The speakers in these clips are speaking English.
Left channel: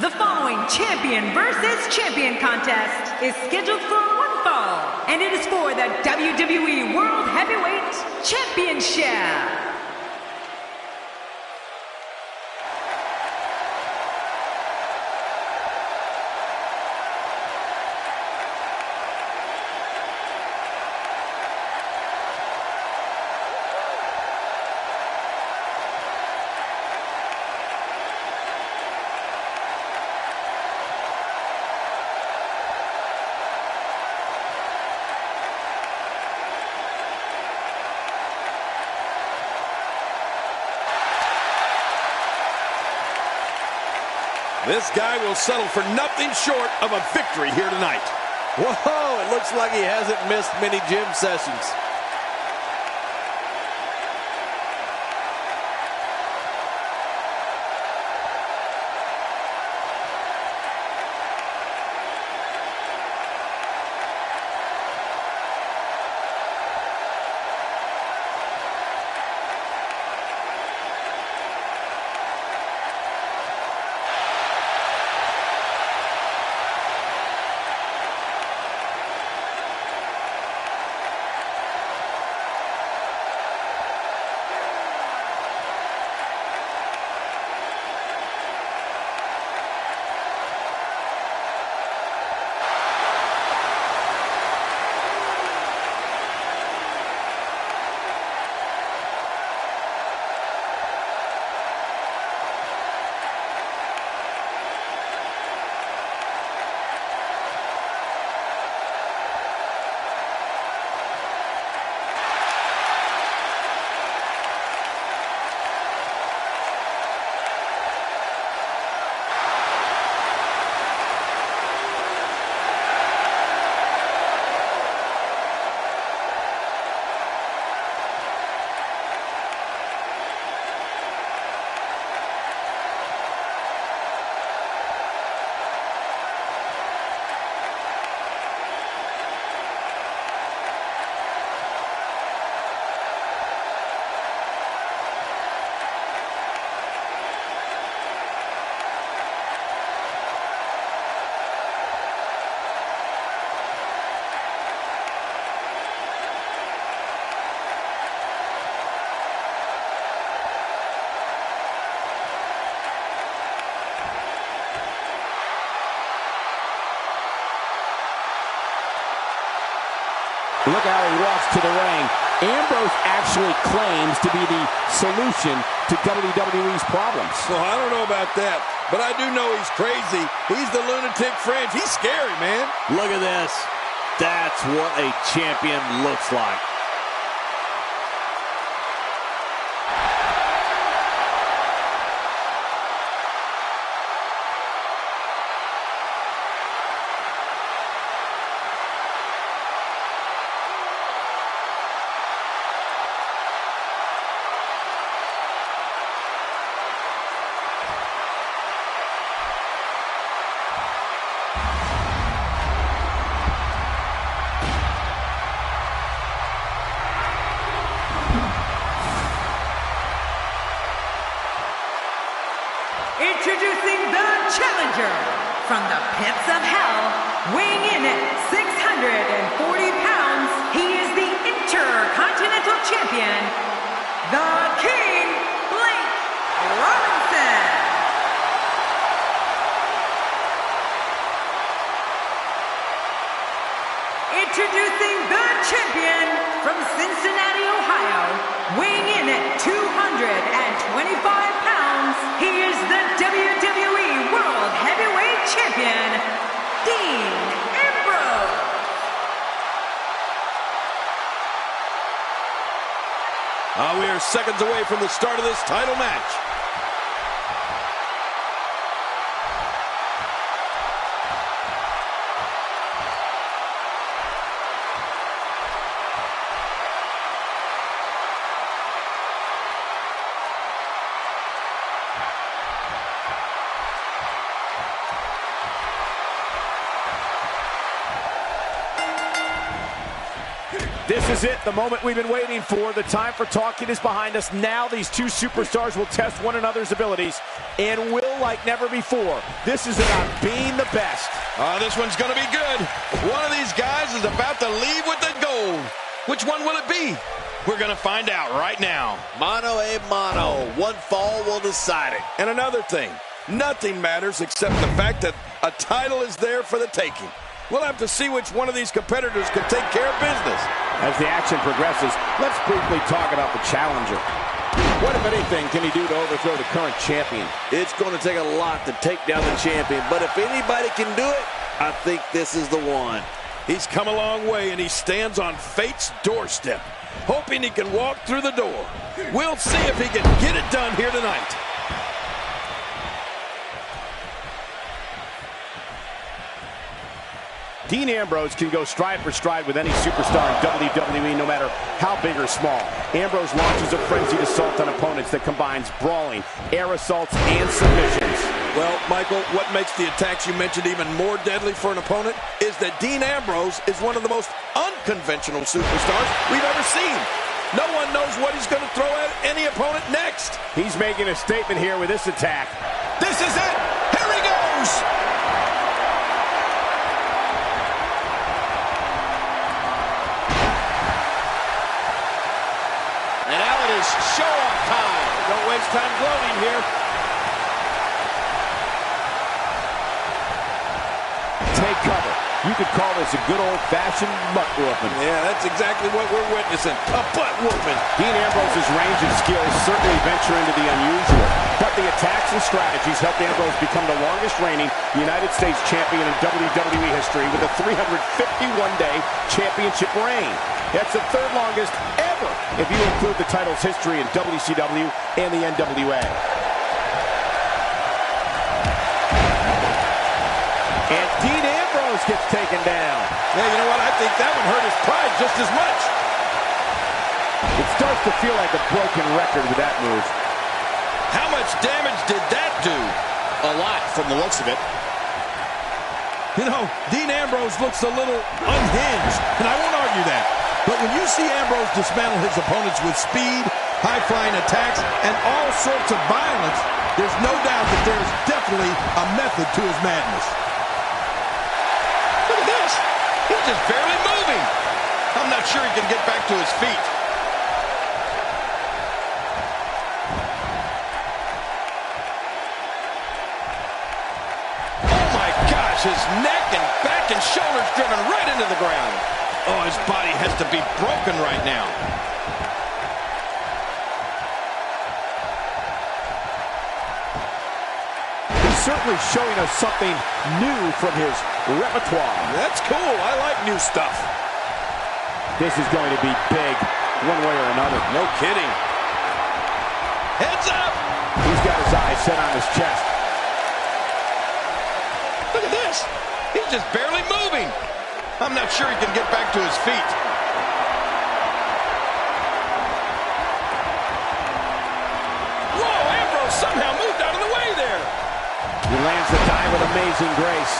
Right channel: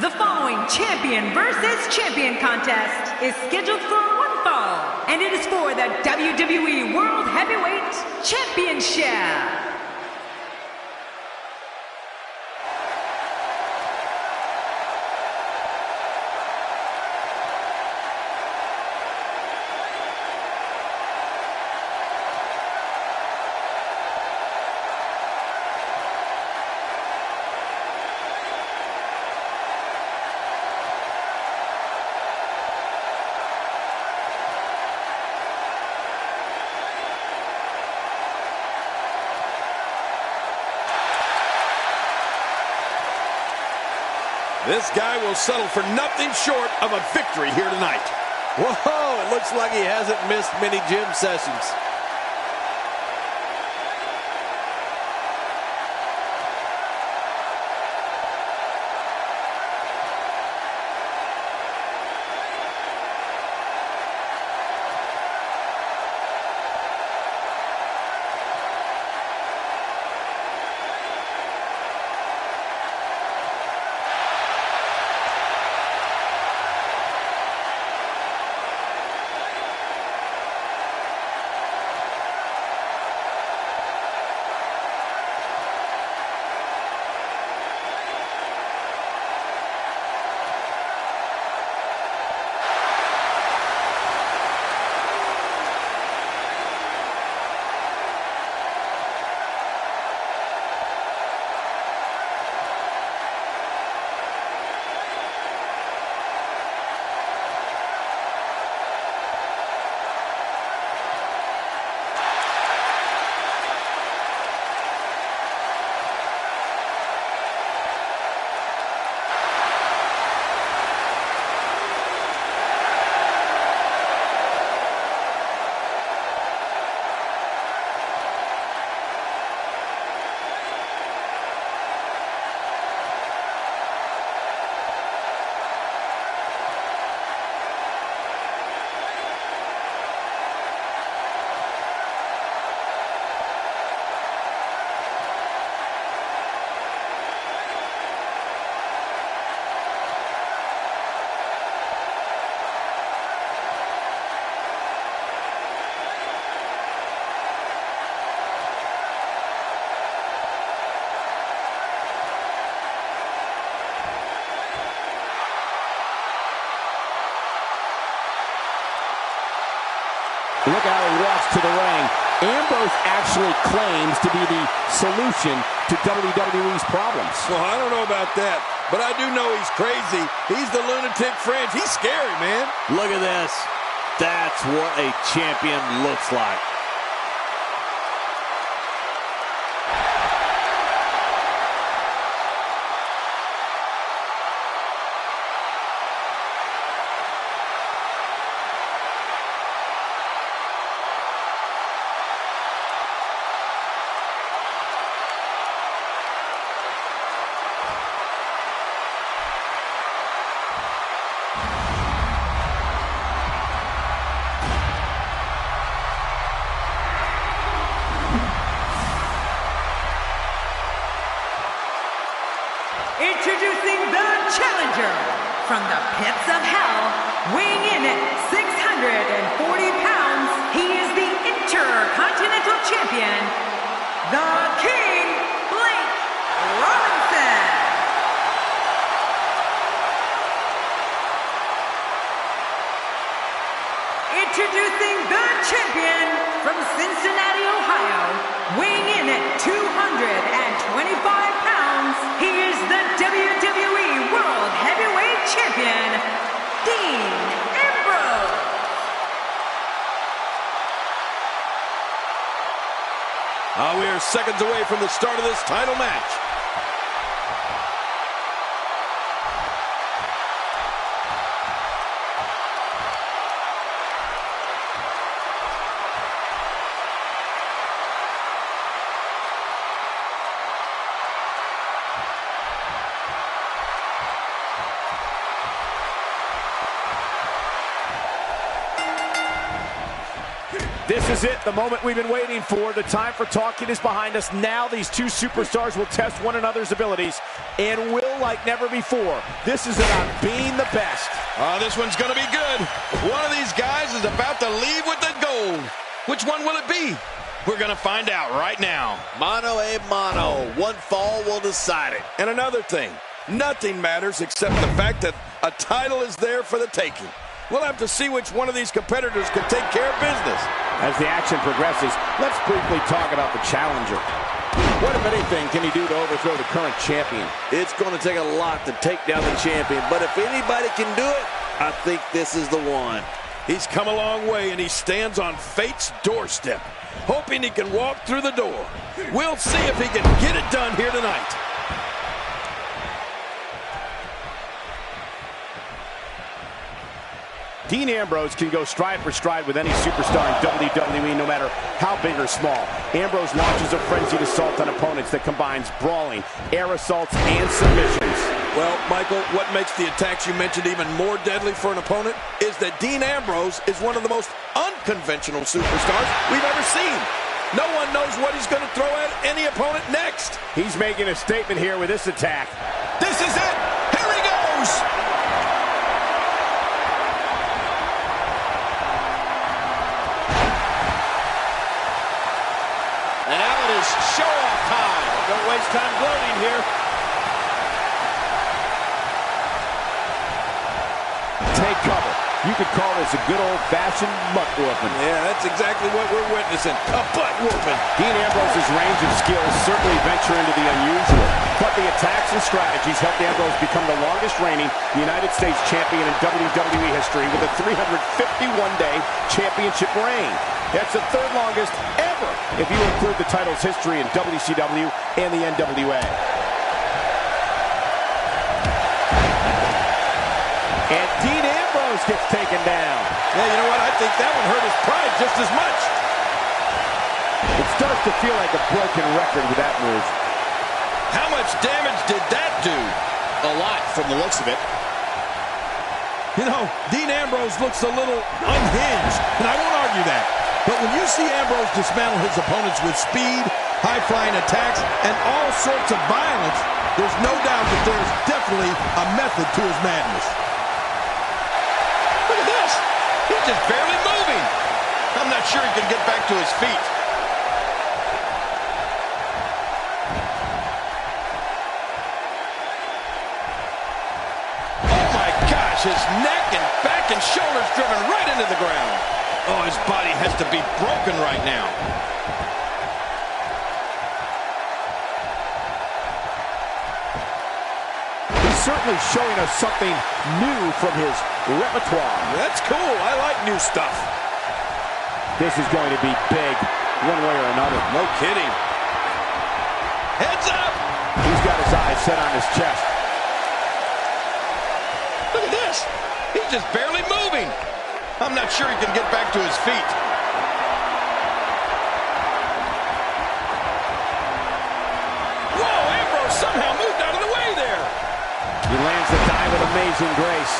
The following champion versus champion contest is scheduled for one fall, and it is for the WWE World Heavyweight Championship. This guy will settle for nothing short of a victory here tonight. Whoa, it looks like he hasn't missed many gym sessions. Look how he walks to the ring. Ambrose actually claims to be the solution to WWE's problems. Well, I don't know about that, but I do know he's crazy. He's the lunatic fringe. He's scary, man. Look at this. That's what a champion looks like. Introducing the challenger from the pits of hell, weighing in at 640 pounds, he is the Intercontinental Champion, the King, Blake Robinson. Introducing the champion from Cincinnati, Ohio, weighing in at 225 pounds, he is the WWE World Heavyweight Champion, Dean Ambrose. We are seconds away from the start of this title match. This is it, the moment we've been waiting for. The time for talking is behind us. Now these two superstars will test one another's abilities and will like never before. This is about being the best. Oh, this one's going to be good. One of these guys is about to leave with the gold. Which one will it be? We're going to find out right now. Mano a mano. One fall will decide it. And another thing, nothing matters except the fact that a title is there for the taking. We'll have to see which one of these competitors can take care of business. As the action progresses, let's briefly talk about the challenger. What, if anything, can he do to overthrow the current champion? It's going to take a lot to take down the champion, but if anybody can do it, I think this is the one. He's come a long way, and he stands on fate's doorstep, hoping he can walk through the door. We'll see if he can get it done here tonight. Dean Ambrose can go stride for stride with any superstar in WWE, no matter how big or small. Ambrose launches a frenzied assault on opponents that combines brawling, air assaults, and submissions. Well, Michael, what makes the attacks you mentioned even more deadly for an opponent is that Dean Ambrose is one of the most unconventional superstars we've ever seen. No one knows what he's going to throw at any opponent next. He's making a statement here with this attack. This is it. Here he goes. And now it is show-off time. Don't waste time gloating here. Take cover. You could call this a good old-fashioned butt whooping. Yeah, that's exactly what we're witnessing. A butt whooping. Dean Ambrose's range of skills certainly venture into the unusual, but the attacks and strategies helped Ambrose become the longest reigning United States champion in WWE history with a 351-day championship reign. That's the third longest ever if you include the title's history in WCW and the NWA. And Dean Ambrose gets taken down. Yeah, you know what? I think that one hurt his pride just as much. It starts to feel like a broken record with that move. How much damage did that do? A lot from the looks of it. You know, Dean Ambrose looks a little unhinged, and I won't argue that. But when you see Ambrose dismantle his opponents with speed, high-flying attacks, and all sorts of violence, there's no doubt that there's definitely a method to his madness. Look at this. He's just barely moving. I'm not sure he can get back to his feet. Oh, my gosh. His neck and back and shoulders driven right into the ground. Oh, his body has to be broken right now. He's certainly showing us something new from his repertoire. That's cool. I like new stuff. This is going to be big, one way or another. No kidding. Heads up! He's got his eyes set on his chest. Look at this. He's just barely moving. I'm not sure he can get back to his feet. Whoa, Ambrose somehow moved out of the way there. He lands the dive with amazing grace.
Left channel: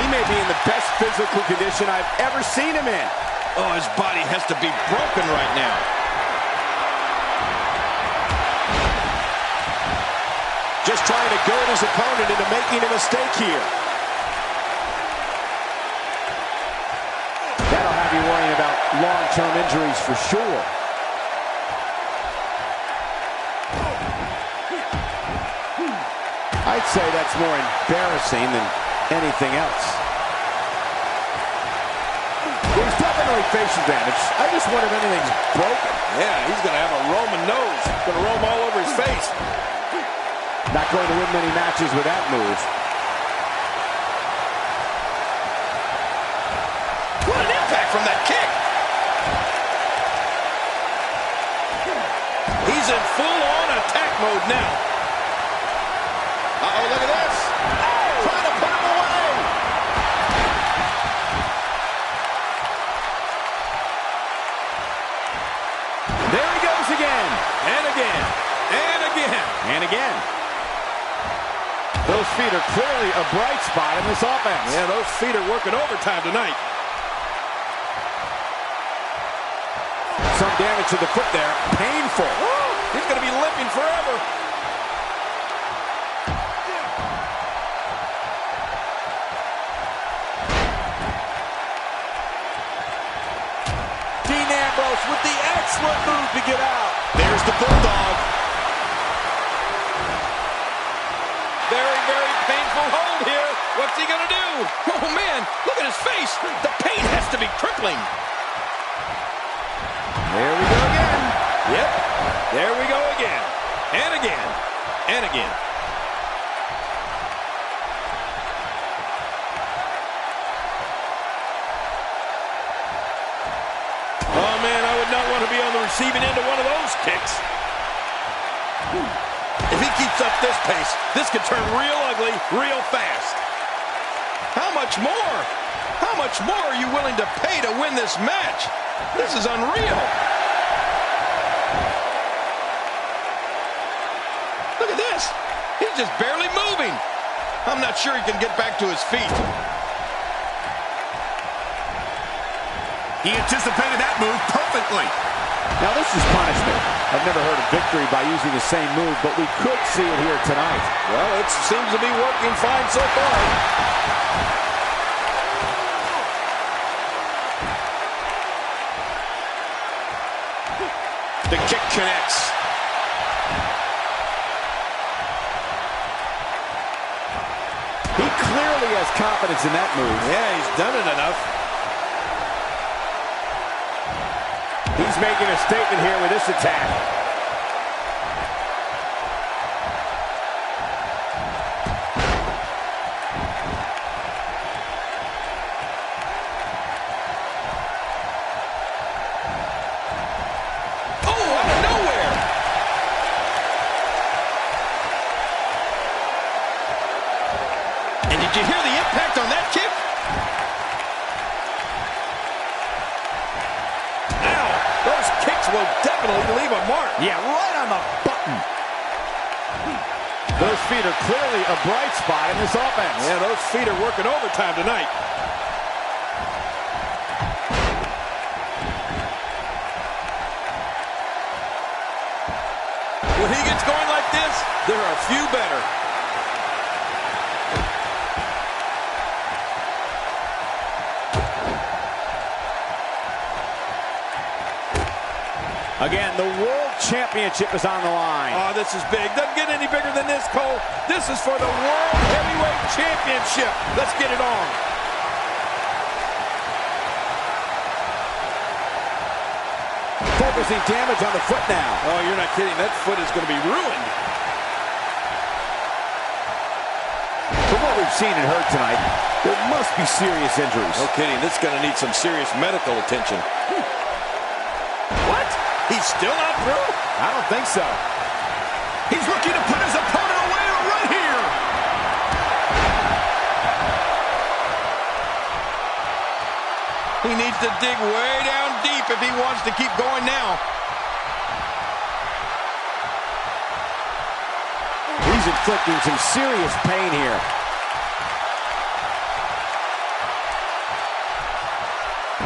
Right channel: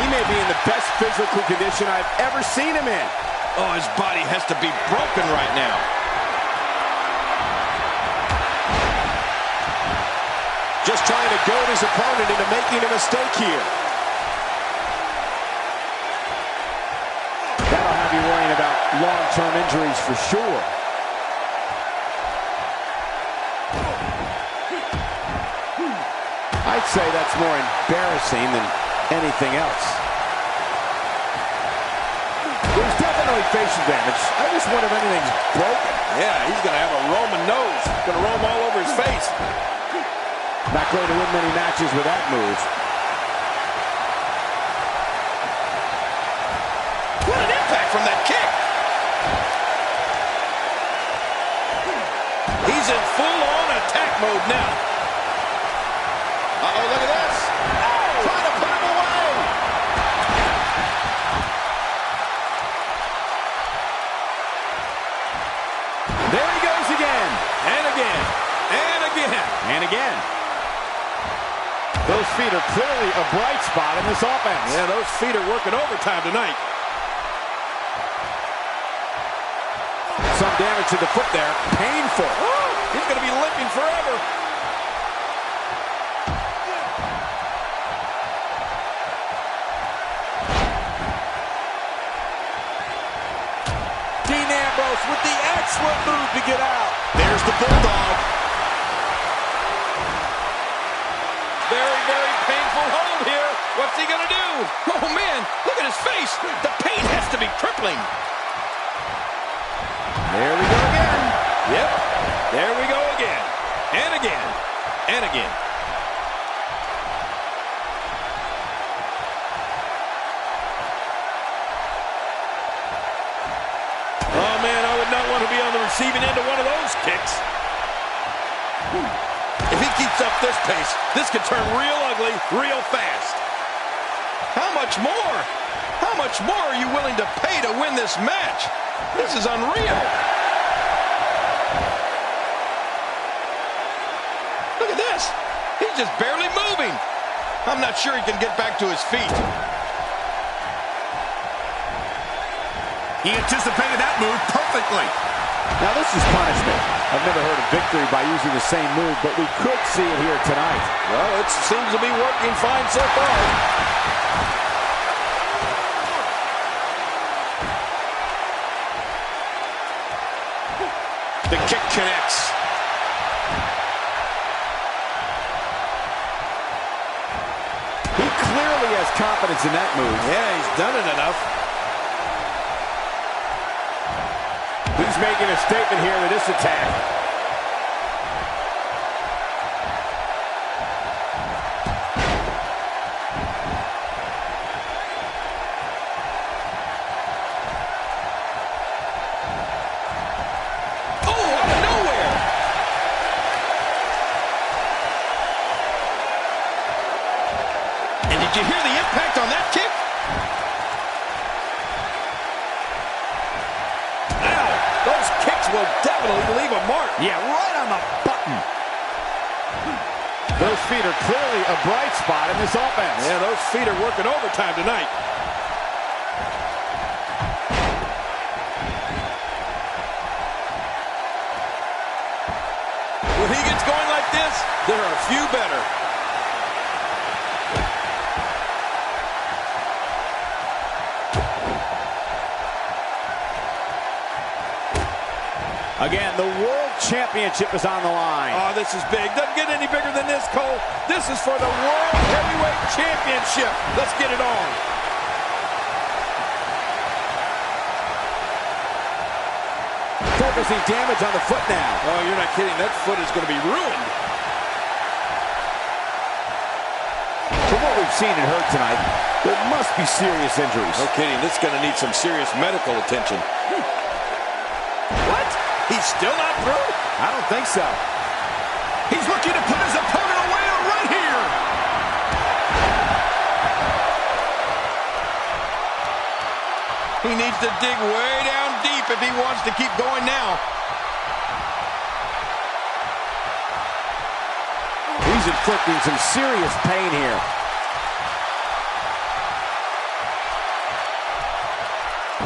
He may be in the best physical condition I've ever seen him in. Oh, his body has to be broken right now. Just trying to goad his opponent into making a mistake here. That'll have you worrying about long-term injuries for sure. I'd say that's more embarrassing than anything else. He's definitely facial damage. I just wonder if anything's broken. Yeah, he's going to have a Roman nose. Going to roam all over his face. Not going to win many matches with that move. What an impact from that kick. He's in full-on attack mode now. Uh-oh, look at this. Oh! Trying to put him away. There he goes again. And again. And again. And again. Those feet are clearly a bright spot in this offense. Yeah, those feet are working overtime tonight. Some damage to the foot there. Painful. Ooh, he's going to be limping forever. Dean Ambrose with the excellent move to get out. There's the Bulldog. Very, very painful hold here. What's he going to do? Oh, man, look at his face. The pain has to be crippling. There we go again. Yep, there we go again. And again. And again. Oh, man, I would not want to be on the receiving end of one of those kicks. If he keeps up this pace, this could turn real ugly real fast. How much more? How much more are you willing to pay to win this match? This is unreal. Look at this. He's just barely moving. I'm not sure he can get back to his feet. He anticipated that move perfectly. Now this is punishment. I've never heard of victory by using the same move, but we could see it here tonight. Well, it seems to be working fine so far. The kick connects. He clearly has confidence in that move. Yeah, he's done it enough. He's making a statement here with this attack. Oh, out of nowhere! And did you hear the impact on that kick? Those kicks will definitely leave a mark. Yeah, right on the button. Those feet are clearly a bright spot in this offense. Yeah, those feet are working overtime tonight. When he gets going like this, there are few better. Again, the World Championship is on the line. Oh, this is big. Doesn't get any bigger than this, Cole. This is for the World Heavyweight Championship. Let's get it on. Focusing damage on the foot now. Oh, you're not kidding. That foot is going to be ruined. From what we've seen and heard tonight, there must be serious injuries. No kidding. This is going to need some serious medical attention. What? He's still not through? I don't think so. He's looking to put his opponent away right here. He needs to dig way down deep if he wants to keep going now. He's inflicting some serious pain here.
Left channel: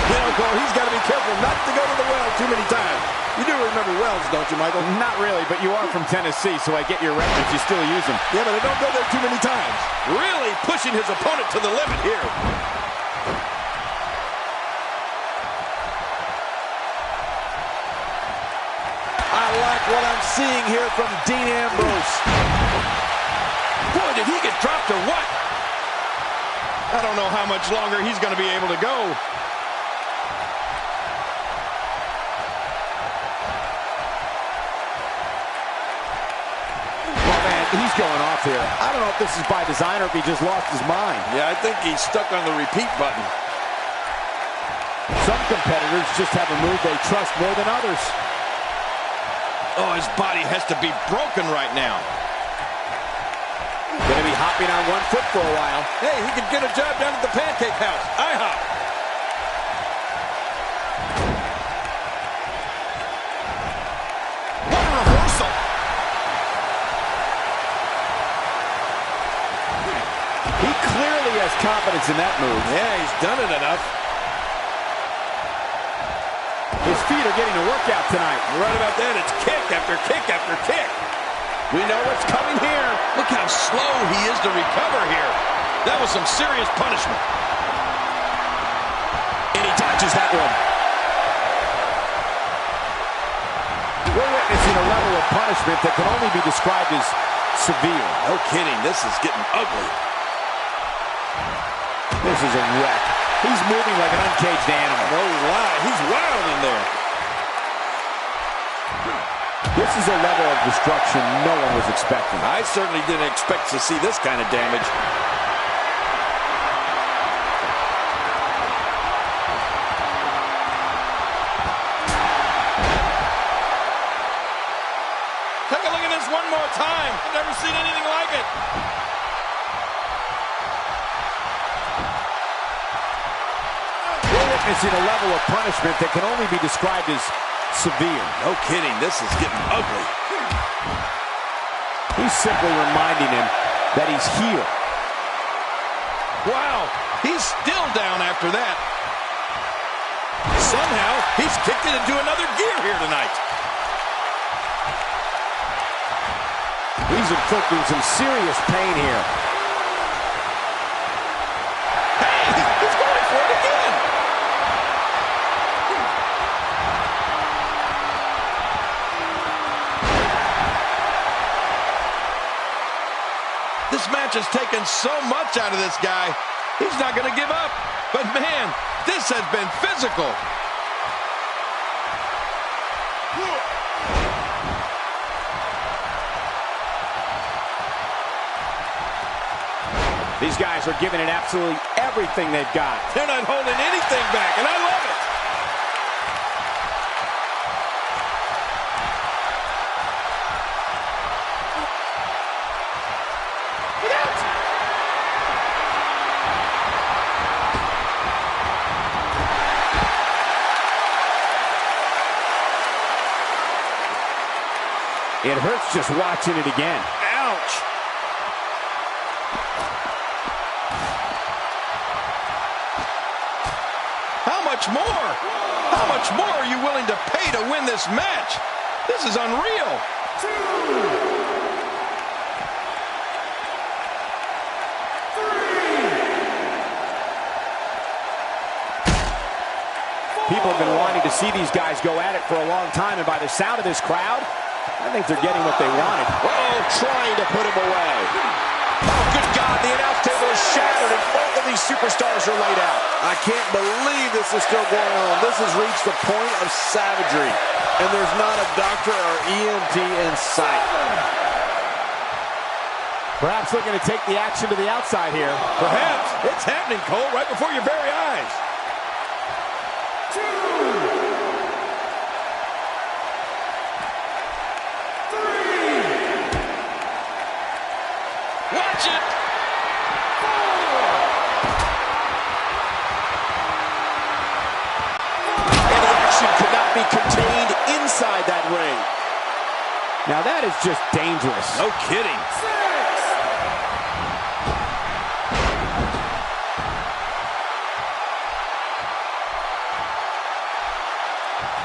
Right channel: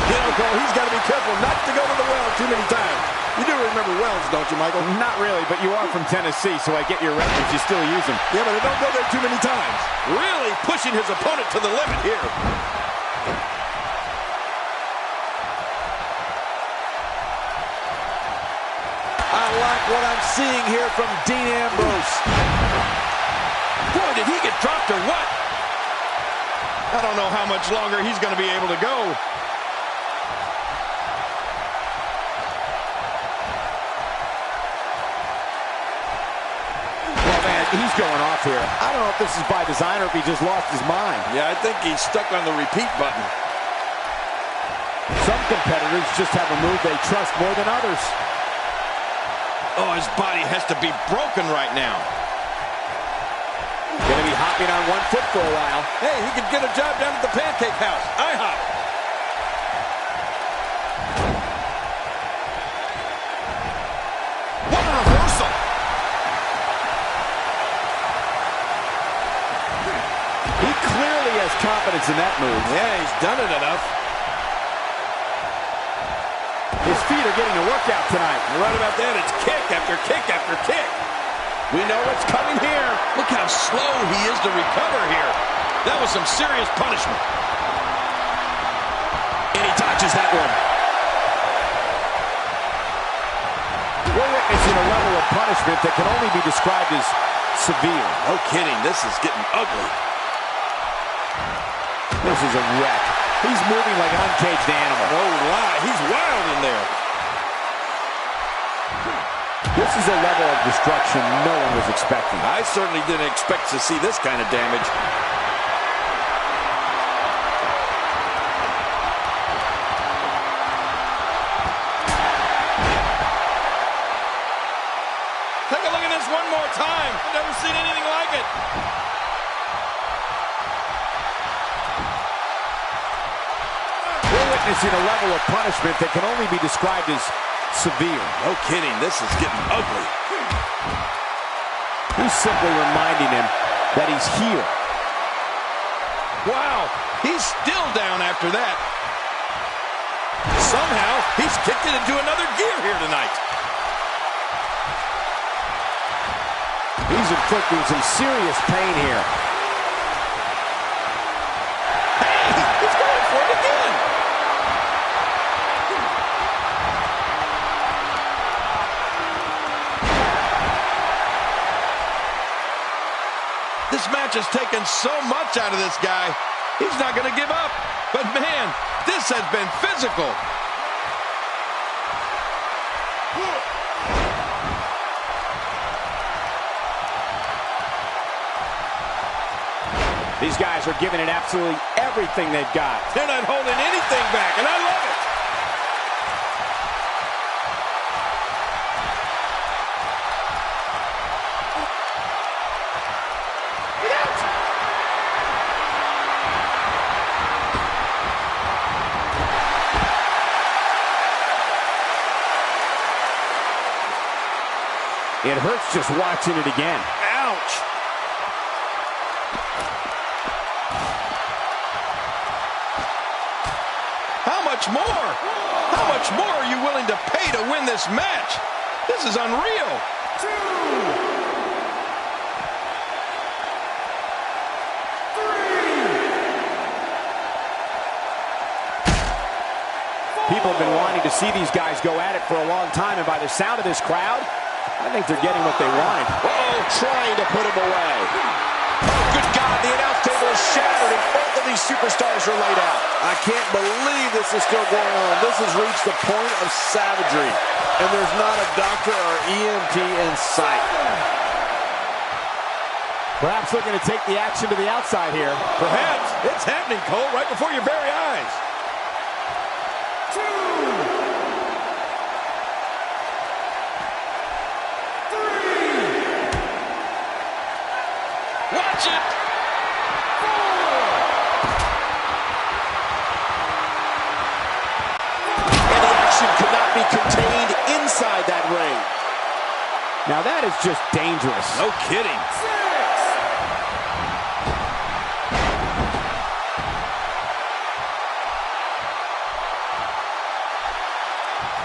You know, Cole, he's got to be careful not to go to the well too many times. You do remember wells, don't you, Michael? Not really, but you are from Tennessee, so I get your reference. You still use them. Yeah, but I don't go there too many times. Really pushing his opponent to the limit here. I like what I'm seeing here from Dean Ambrose. Boy, did he get dropped or what? I don't know how much longer he's going to be able to go. He's going off here. I don't know if this is by design or if he just lost his mind. Yeah, I think he's stuck on the repeat button. Some competitors just have a move they trust more than others. Oh, his body has to be broken right now. Gonna be hopping on one foot for a while. Hey, he could get a job down at the Pancake House. IHOP. What a reversal. confidence in that move. Yeah, he's done it enough. His feet are getting a workout tonight. You're right about that. It's kick after kick after kick. We know what's coming here. Look how slow he is to recover here. That was some serious punishment. And he dodges that one. We're witnessing a level of punishment that can only be described as severe. No kidding. This is getting ugly. This is a wreck. He's moving like an uncaged animal. No lie. He's wild in there. This is a level of destruction no one was expecting. I certainly didn't expect to see this kind of damage. Take a look at this one more time. I've never seen anything like it. We're witnessing a level of punishment that can only be described as severe. No kidding. This is getting ugly. He's simply reminding him that he's here. Wow. He's still down after that. Somehow, he's kicked it into another gear here tonight. He's inflicting some serious pain here. Hey, he's going for it again. This match has taken so much out of this guy. He's not going to give up. But man, this has been physical. These guys are giving it absolutely everything they've got. They're not holding anything back, and I love it. Get out! It hurts just watching it again. Ouch! How much more? How much more are you willing to pay to win this match? This is unreal. 2, 3. People have been wanting to see these guys go at it for a long time, and by the sound of this crowd, I think they're getting what they wanted. Oh, trying to put him away. Oh, good God, the announce table is shattered, and both of these superstars are laid out. I can't believe this is still going on. This has reached the point of savagery, and there's not a doctor or EMT in sight. Perhaps looking to take the action to the outside here. Perhaps. It's happening, Cole, right before your very eyes. 2, 3. Watch it. 4. And the action could not be contained inside that ring. Now that is just dangerous. No kidding. 6.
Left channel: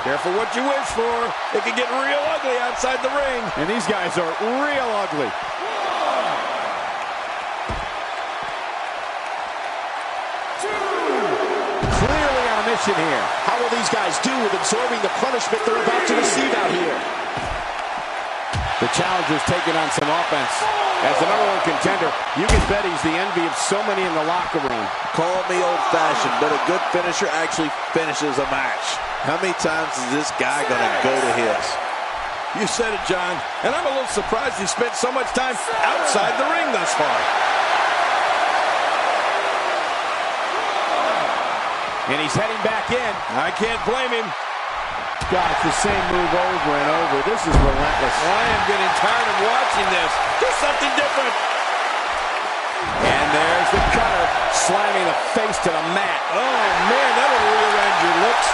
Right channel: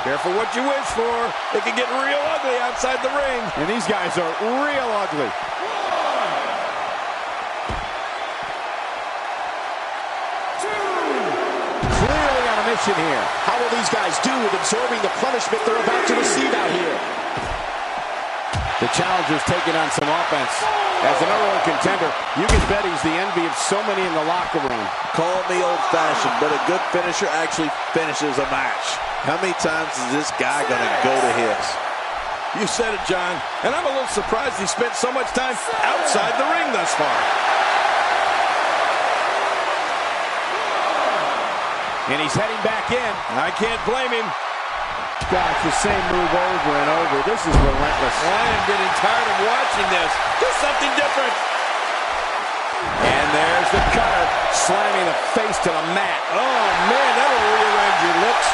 Careful what you wish for. It can get real ugly outside the ring. And these guys are real ugly. 1, 2. Clearly on a mission here. How will these guys do with absorbing the punishment they're about to receive out here? The challenger's taking on some offense. As the #1 contender, you can bet he's the envy of so many in the locker room. Call me old-fashioned, but a good finisher actually finishes a match. How many times is this guy going to go to his? You said it, John. And I'm a little surprised he spent so much time outside the ring thus far. And he's heading back in. I can't blame him. God, it's the same move over and over. This is relentless. I am getting tired of watching this. Do something different. And there's the cutter, slamming the face to the mat. Oh, man, that'll rearrange your looks.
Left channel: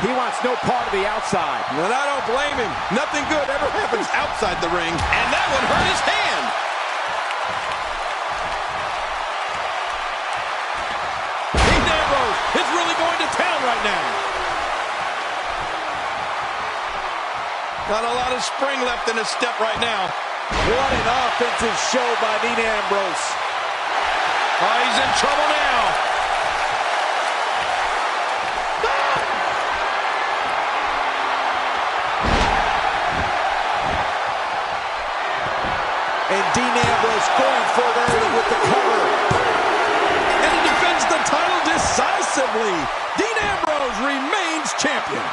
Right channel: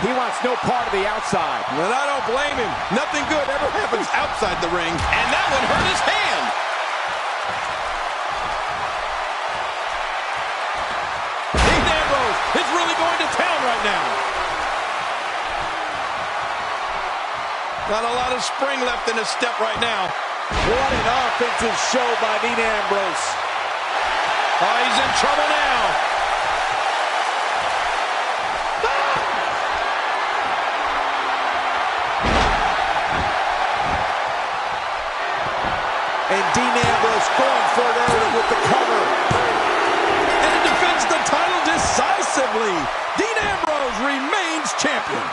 He wants wants no part of the outside. And I don't blame him. Nothing good ever happens outside the ring, and that one hurt his hand. Dean Ambrose is really going to town right now. Not a lot of spring left in his step right now. What an offensive show by Dean Ambrose. Oh, he's in trouble now. And Dean Ambrose going for it early with the cover. And he defends the title decisively. Dean Ambrose remains champion.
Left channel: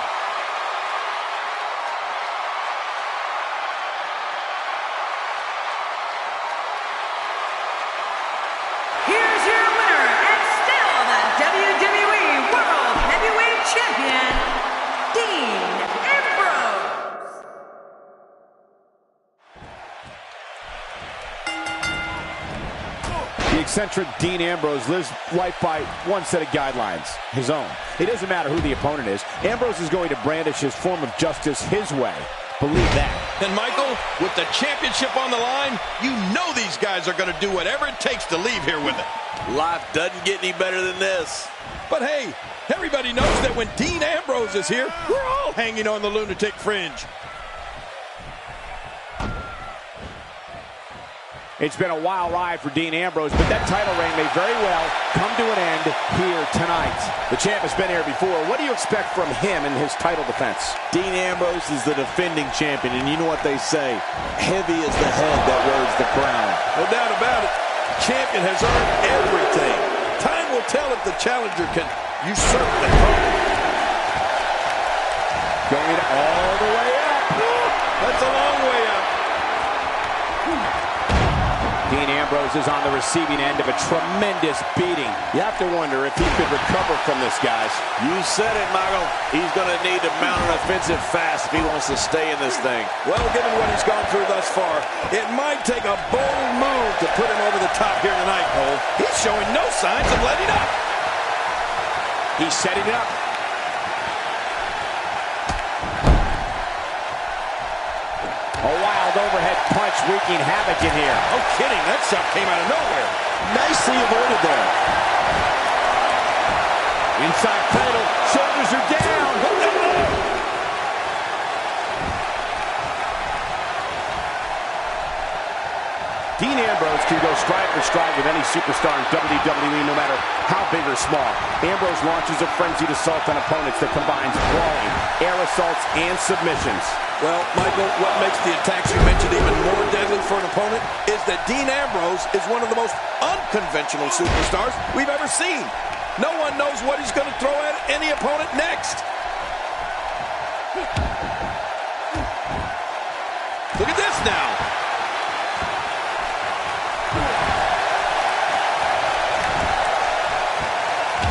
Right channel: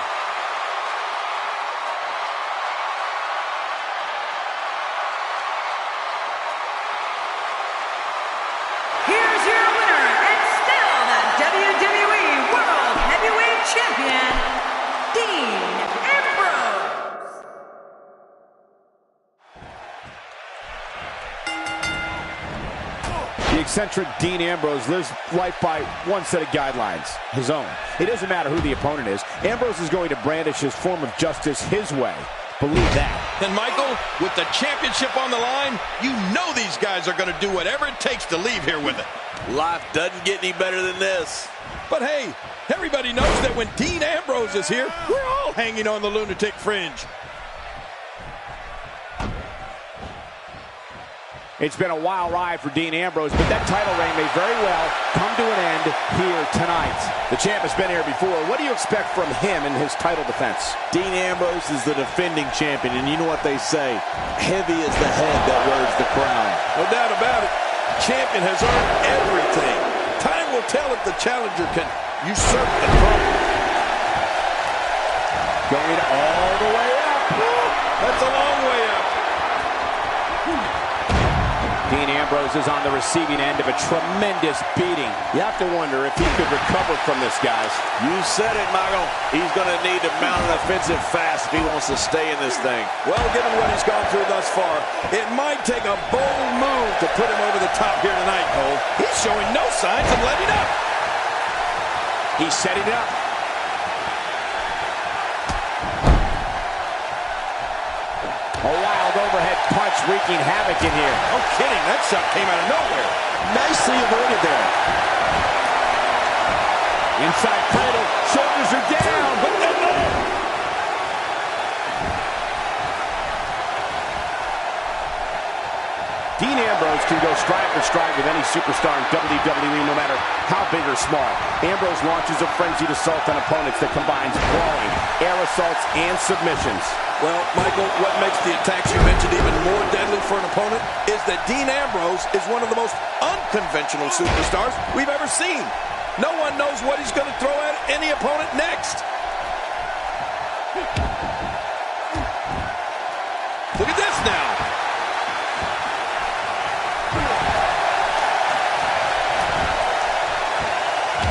Here's your winner and still the WWE World Heavyweight Champion, Dean Ambrose. The eccentric Dean Ambrose lives life by one set of guidelines, his own. It doesn't matter who the opponent is. Ambrose is going to brandish his form of justice his way. Believe that. And Michael, with the championship on the line, you know these guys are going to do whatever it takes to leave here with it. Life doesn't get any better than this. But hey, everybody knows that when Dean Ambrose is here, we're all hanging on the lunatic fringe. It's been a wild ride for Dean Ambrose, but that title reign may very well come to an end here tonight. The champ has been here before. What do you expect from him in his title defense? Dean Ambrose is the defending champion, and you know what they say, heavy is the head that wears the crown. No doubt about it. Champion has earned everything. Time will tell if the challenger can usurp the throne. Going all the way up. That's a long way up. Dean Ambrose is on the receiving end of a tremendous beating. You have to wonder if he could recover from this, guys. You said it, Michael. He's going to need to mount an offensive fast if he wants to stay in this thing. Well, given what he's gone through thus far, it might take a bold move to put him over the top here tonight, Cole. He's showing no signs of letting up. He's setting it up. A wild overhead punch wreaking havoc in here. No kidding, that shot came out of nowhere. Nicely avoided there. Inside cradle, shoulders are down. But Dean Ambrose can go stride for stride with any superstar in WWE, no matter how big or small. Ambrose launches a frenzied assault on opponents that combines brawling, air assaults, and submissions. well, Michael, what makes the attacks you mentioned even more deadly for an opponent is that Dean Ambrose is one of the most unconventional superstars we've ever seen. No one knows what he's going to throw at any opponent next. Look at this now.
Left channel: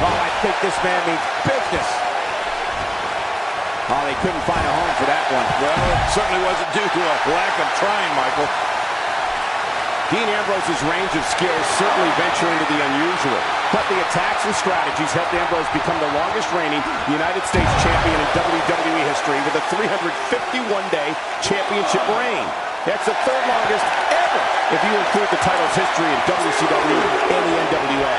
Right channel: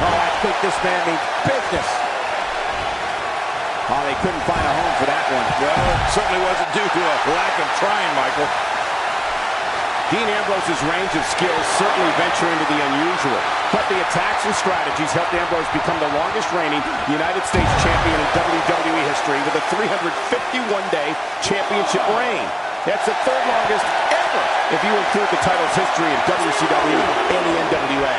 Oh, I think this man means business. Oh, they couldn't find a home for that one. Well, it certainly wasn't due to a lack of trying, Michael. Dean Ambrose's range of skills certainly venture into the unusual, but the attacks and strategies helped Ambrose become the longest reigning United States champion in WWE history with a 351-day championship reign. That's the third longest ever if you include the title's history in WCW and the NWA.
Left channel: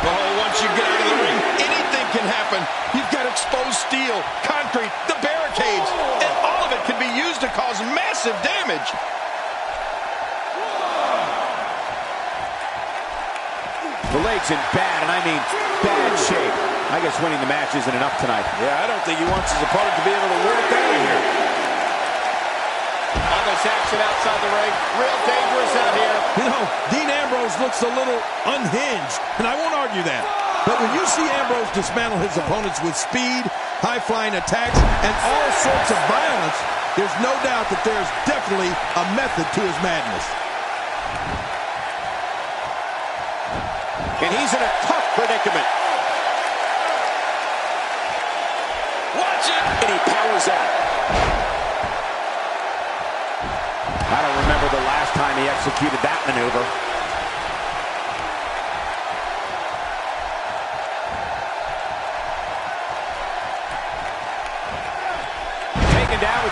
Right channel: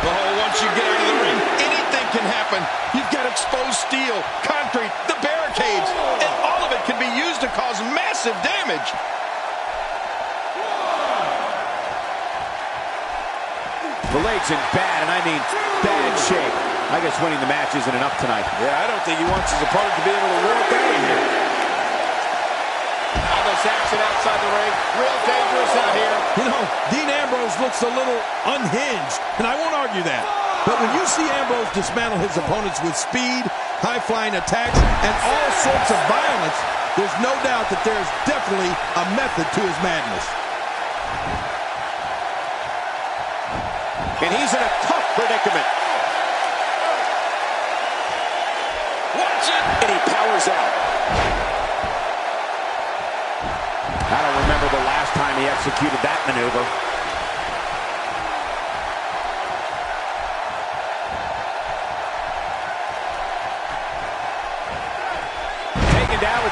Oh, once you get out of the ring, anything can happen. You've got exposed steel, concrete, the barricades, and all of it can be used to cause massive damage. The leg's in bad, and I mean bad shape. I guess winning the match isn't enough tonight. Yeah, I don't think he wants his opponent to be able to walk out of here. All this action outside the ring, real dangerous out here. You know, Dean Ambrose looks a little unhinged, and I won't argue that. But when you see Ambrose dismantle his opponents with speed, high-flying attacks, and all sorts of violence, there's no doubt that there's definitely a method to his madness. And he's in a tough predicament. Watch it! And he powers out. I don't remember the last time he executed that maneuver.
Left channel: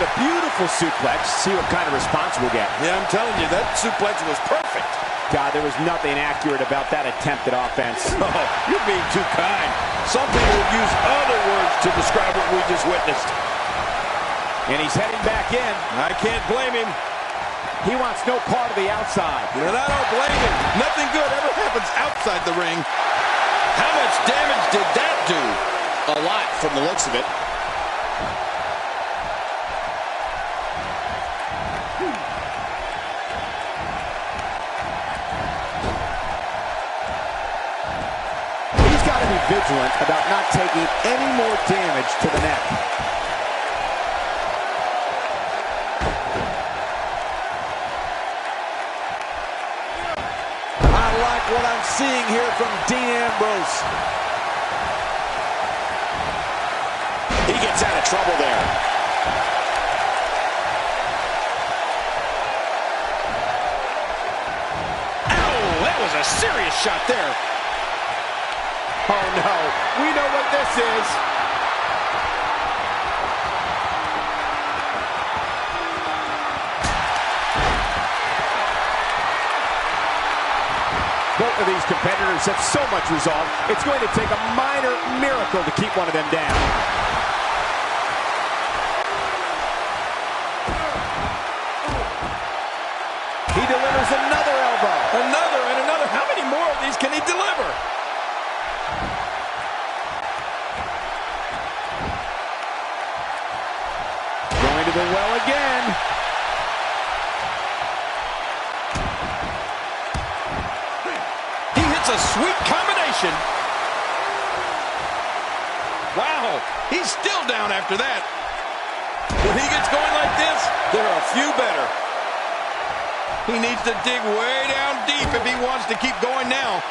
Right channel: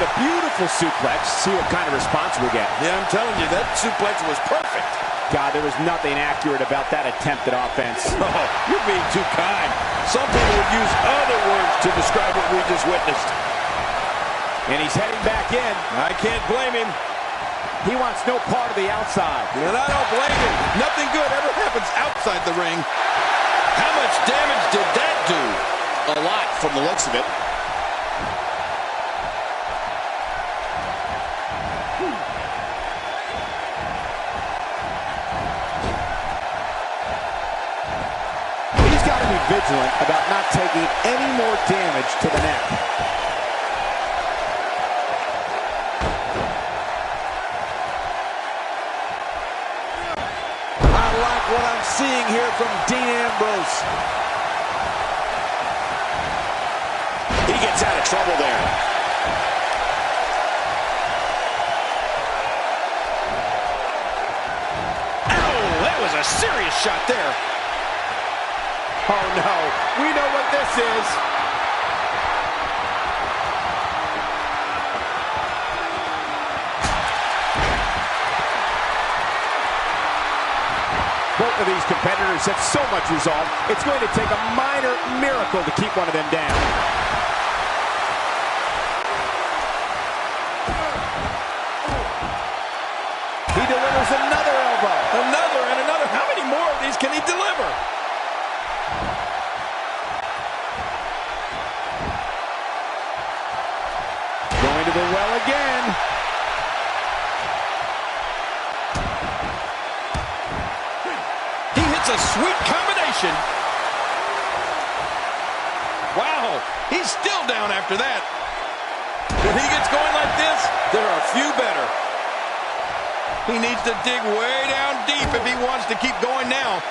a beautiful suplex. See what kind of response we'll get. Yeah, I'm telling you, that suplex was perfect. God, there was nothing accurate about that attempted offense. Oh, you're being too kind. Some people would use other words to describe what we just witnessed. And he's heading back in. I can't blame him. He wants no part of the outside. And I don't blame him. Nothing good ever happens outside the ring. How much damage did that do? A lot from the looks of it. He's got to be vigilant about not taking any more damage to the neck. I like what I'm seeing here from Dean Ambrose. He gets out of trouble there. Ow, that was a serious shot there. Oh no, we know what this is. Both of these competitors have so much resolve, it's going to take a minor miracle to keep one of them down. He delivers another elbow. Another and another. How many more of these can he deliver? Going to the well again. He hits a sweet combination. Wow, he's still down after that. When he gets going like this, there are a few better. He needs to dig way down deep if he wants to keep going now.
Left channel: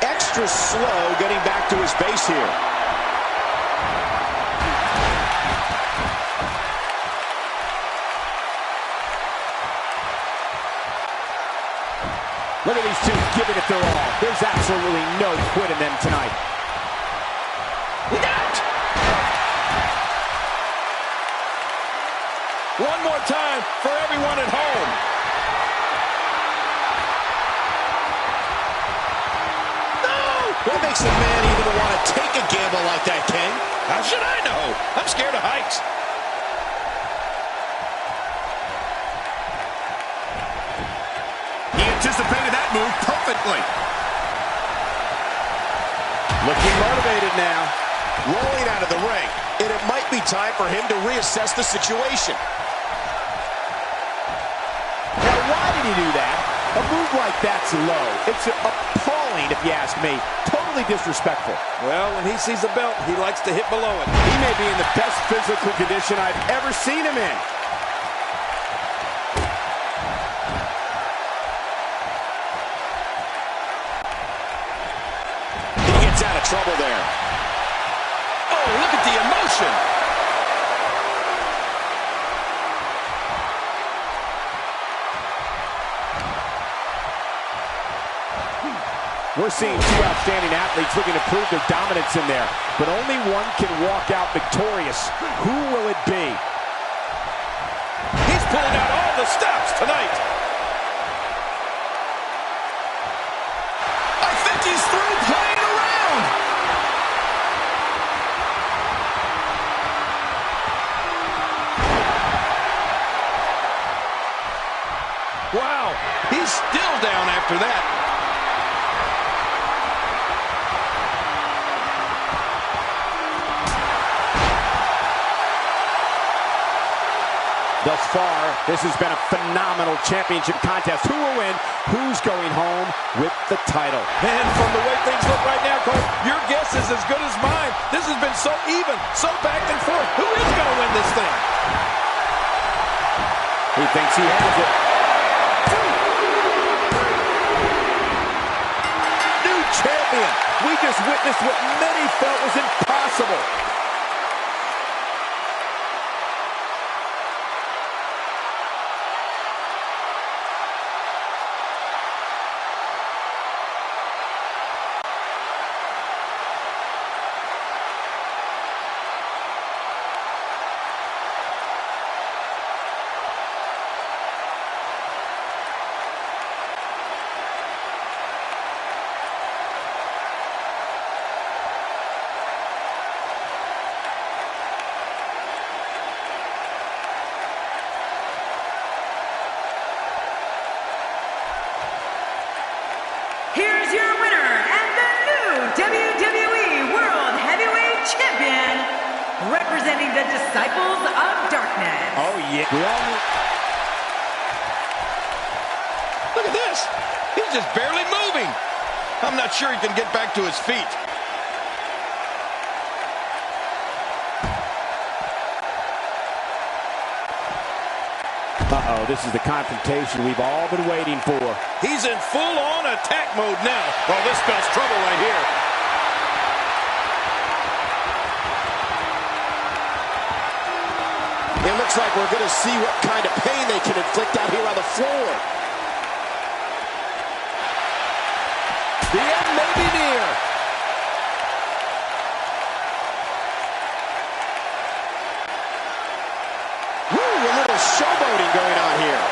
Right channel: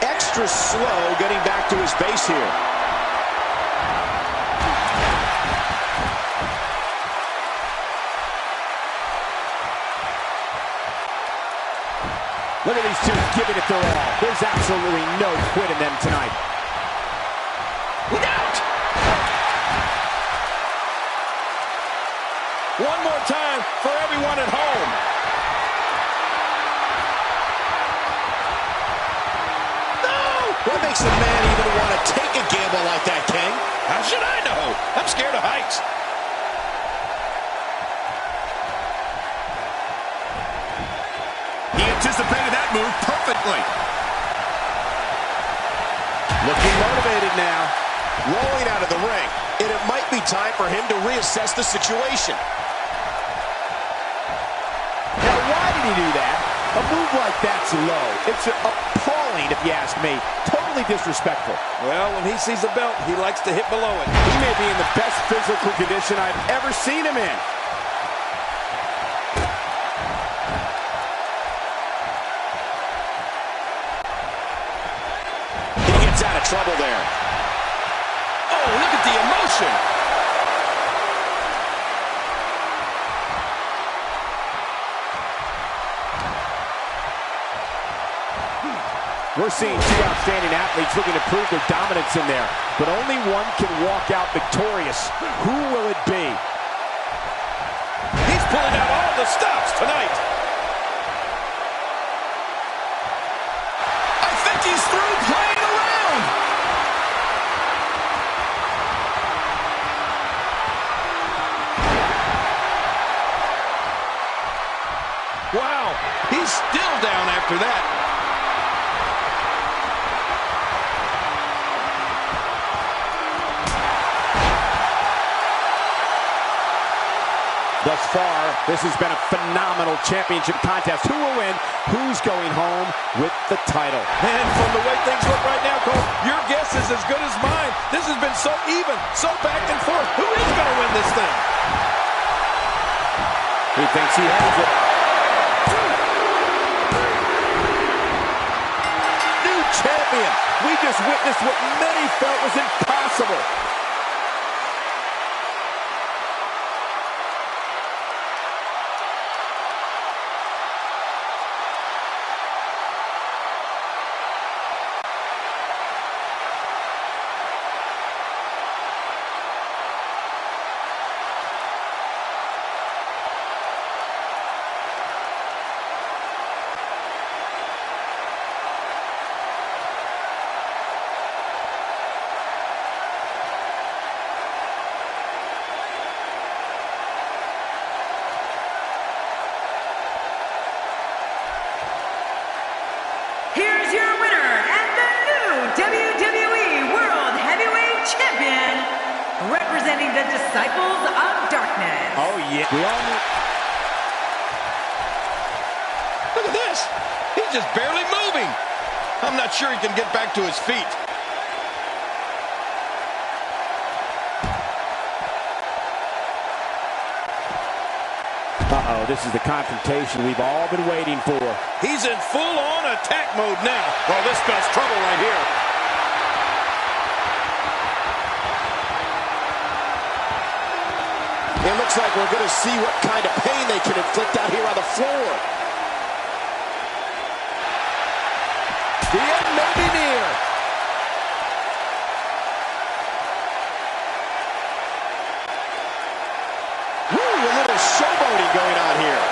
Extra slow getting back to his base here. Look at these two giving it their all. There's absolutely no quit in them tonight. Look out! One more time for everyone at home. No! What makes a man even want to take a gamble like that, King? How should I know? I'm scared of heights. He anticipated that move perfectly. Looking motivated now. Rolling out of the ring, and it might be time for him to reassess the situation. Now, why did he do that? A move like that's low. It's appalling, if you ask me. Totally disrespectful. Well, when he sees a belt, he likes to hit below it. He may be in the best physical condition I've ever seen him in. He gets out of trouble there. Oh, look at the emotion. We're seeing two outstanding athletes looking to prove their dominance in there. But only one can walk out victorious. Who will it be? He's pulling out all the stops tonight. I think he's through playing around. Wow, he's still down after that. Thus far, this has been a phenomenal championship contest. Who will win? Who's going home with the title? Man, from the way things look right now, Cole, your guess is as good as mine. This has been so even, so back and forth. Who is going to win this thing? He thinks he has it. New champion. We just witnessed what many felt was impossible. representing the Disciples of Darkness. Oh, yeah. We all knew. Look at this. He's just barely moving. I'm not sure he can get back to his feet. Uh-oh, this is the confrontation we've all been waiting for. He's in full-on attack mode now. Oh, this spells trouble right here. It looks like we're going to see what kind of pain they can inflict out here on the floor. The end may be near. Woo, a little showboating going on here.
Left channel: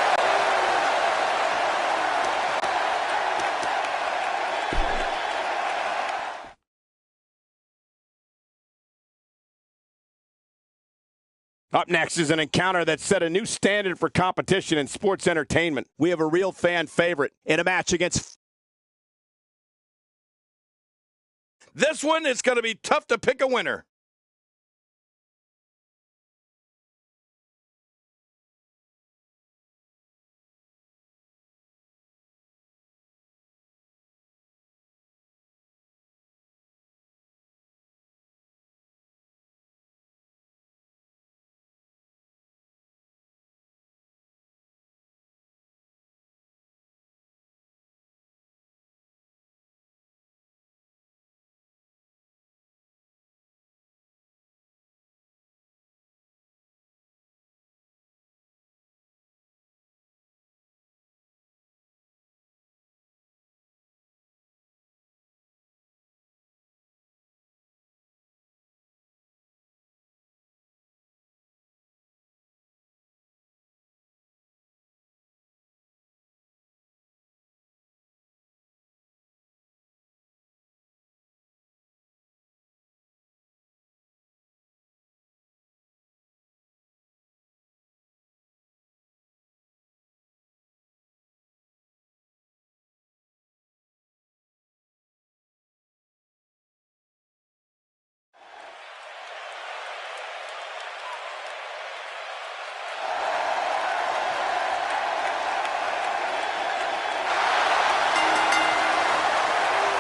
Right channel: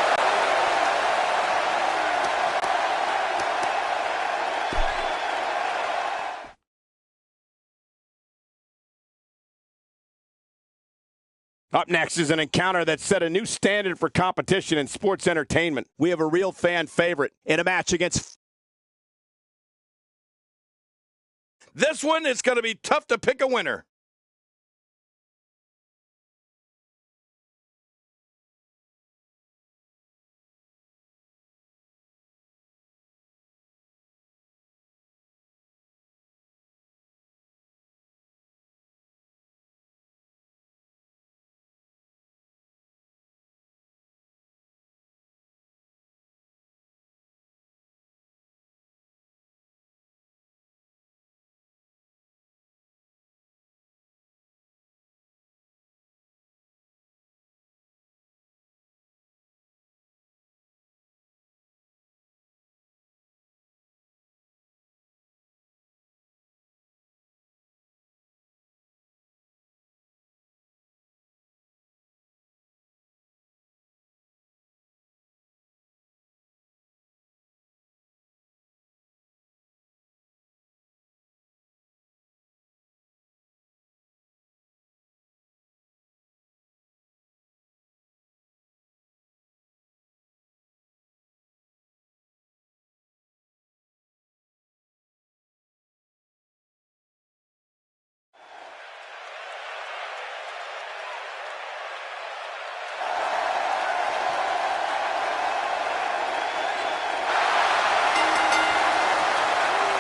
Up next is an encounter that set a new standard for competition in sports entertainment. We have a real fan favorite in a match against... This one is going to be tough to pick a winner.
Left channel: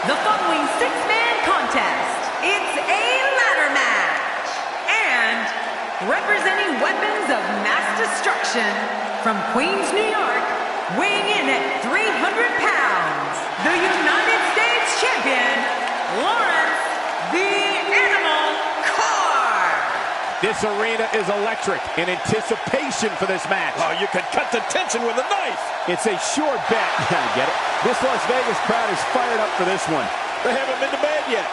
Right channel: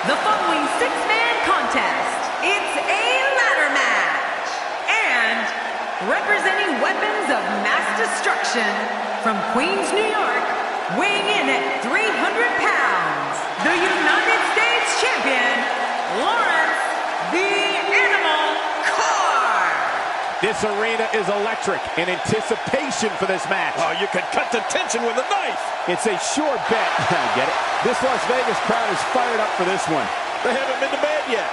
The following six-man contest, it's a ladder match. And representing weapons of mass destruction from Queens, New York, weighing in at 300 pounds, the United States champion, Lawrence the Animal Carr. This arena is electric in anticipation for this match. Oh, you could cut the tension with a knife. It's a sure bet. I get it. This Las Vegas crowd is fired up for this one. They haven't been to bed yet.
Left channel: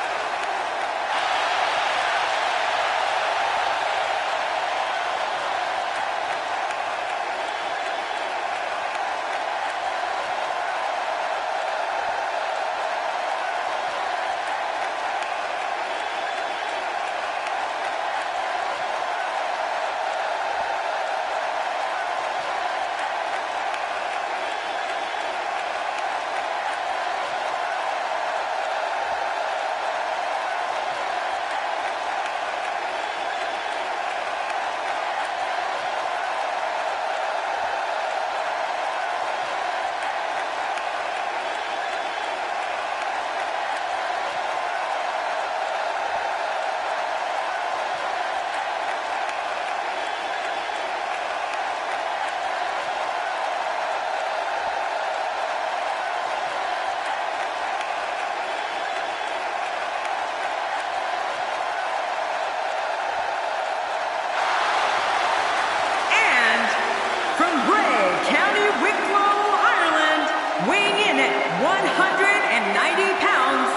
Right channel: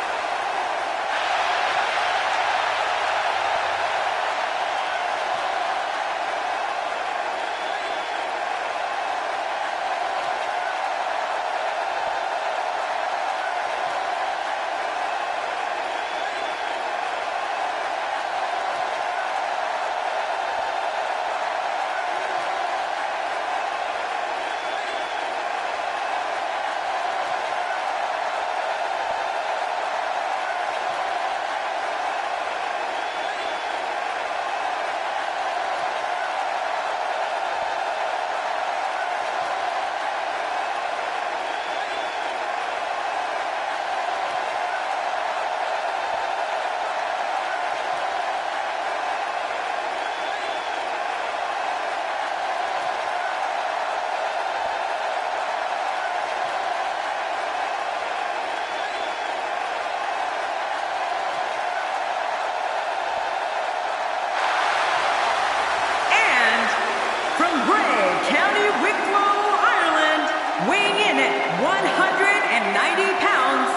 weighing in at 190 pounds,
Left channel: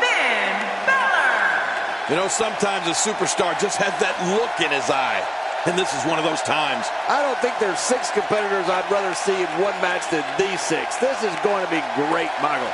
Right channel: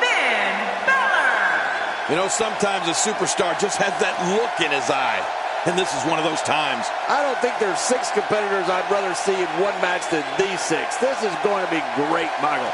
Finn Balor. You know, sometimes a superstar just has that look in his eye, and this is one of those times. I don't think there's 6 competitors I'd rather see in one match than these 6. This is going to be great, Michael.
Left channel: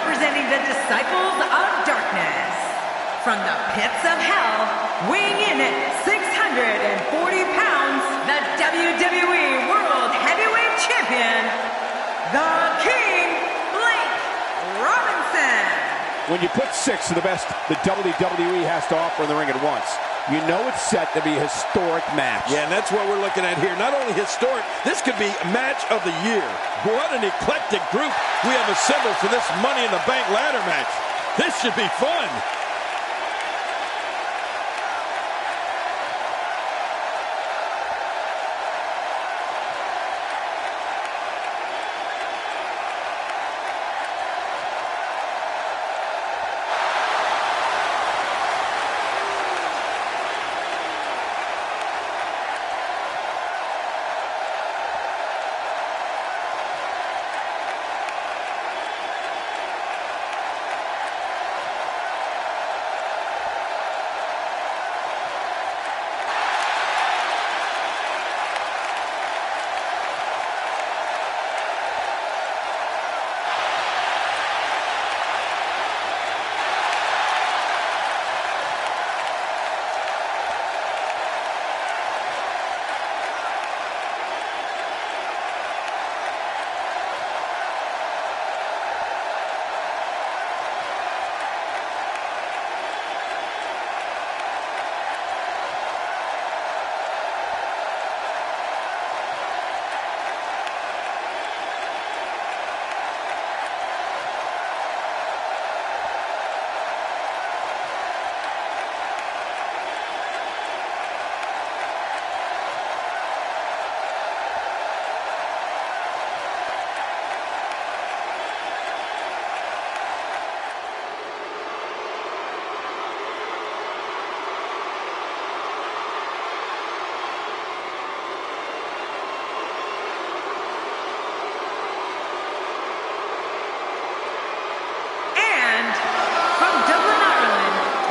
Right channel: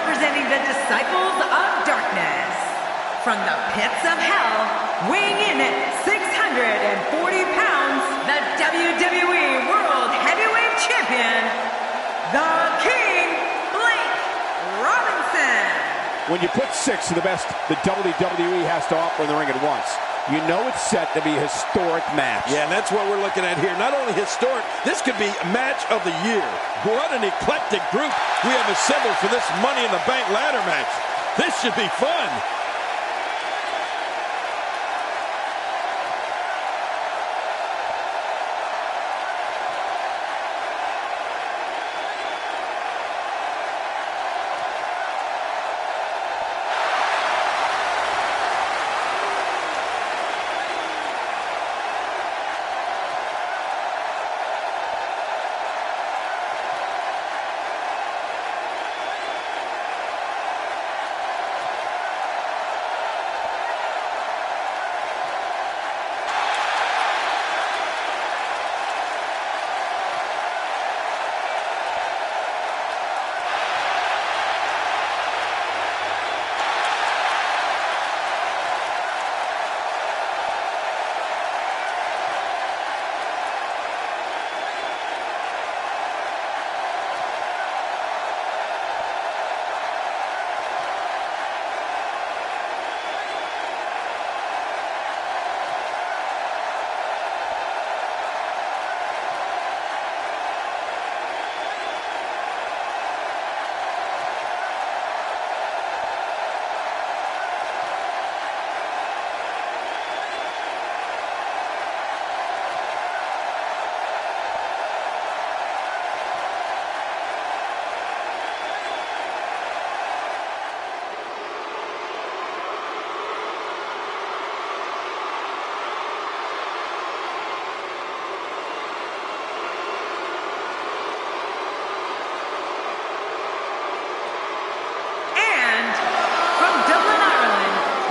representing the Disciples of Darkness, from the pits of hell, weighing in at 640 pounds, the WWE World Heavyweight Champion, the King, Blake Robinson. When you put 6 of the best the WWE has to offer in the ring at once, you know it's set to be a historic match. Yeah, and that's what we're looking at here. Not only historic, this could be a match of the year. What an eclectic group we have assembled for this Money in the Bank ladder match. This should be fun.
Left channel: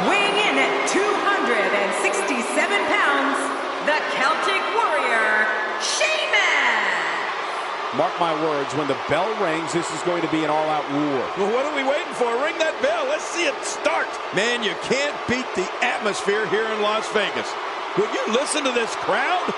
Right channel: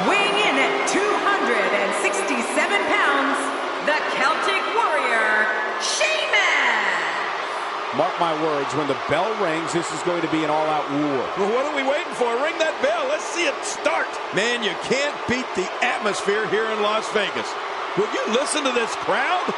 Weighing in at 267 pounds, the Celtic Warrior, Sheamus! Mark my words, when the bell rings, this is going to be an all-out war. Well, what are we waiting for? Ring that bell. Let's see it start. Man, you can't beat the atmosphere here in Las Vegas. Would you listen to this crowd?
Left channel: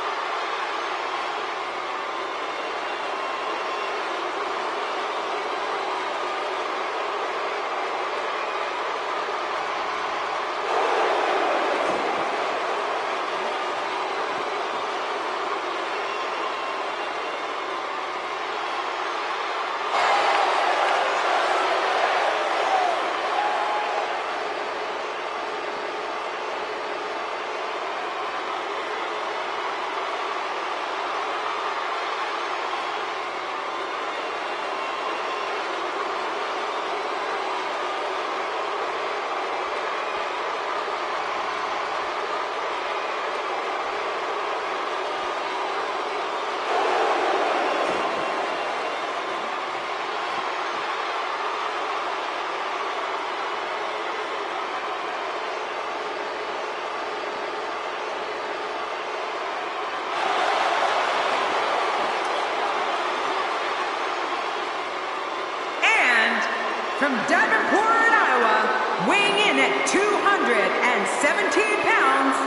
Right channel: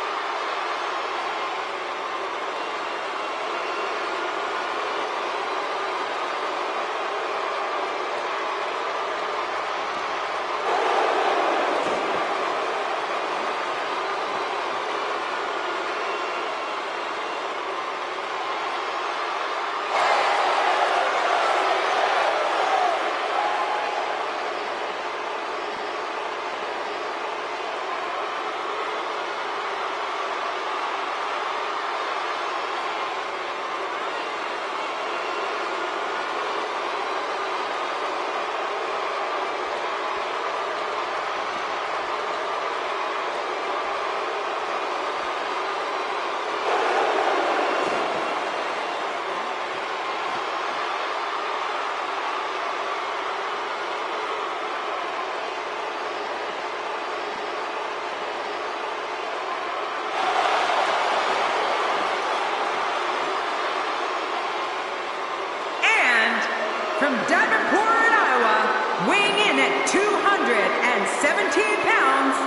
From Davenport, Iowa, weighing in at 217 pounds,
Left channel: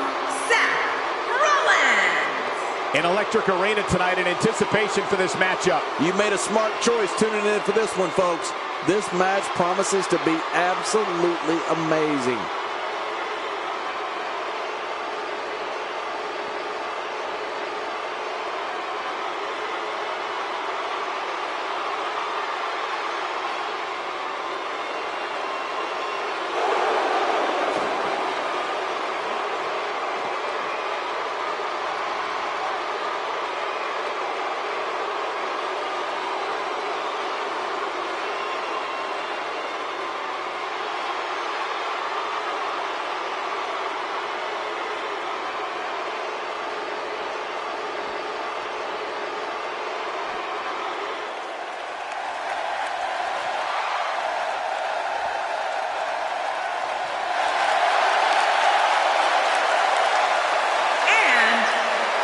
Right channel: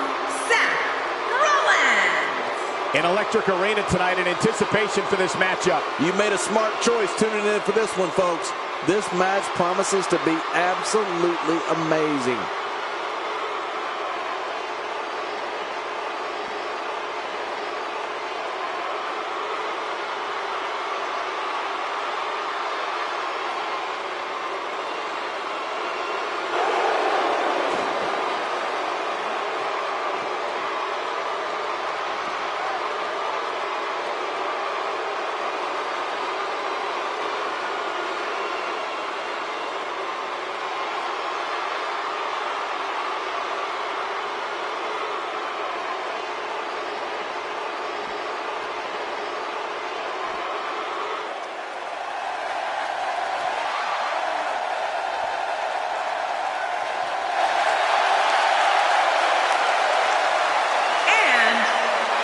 Seth Rollins. An electric arena tonight in anticipation for this matchup. You made a smart choice tuning in for this one, folks. This match promises to be absolutely amazing.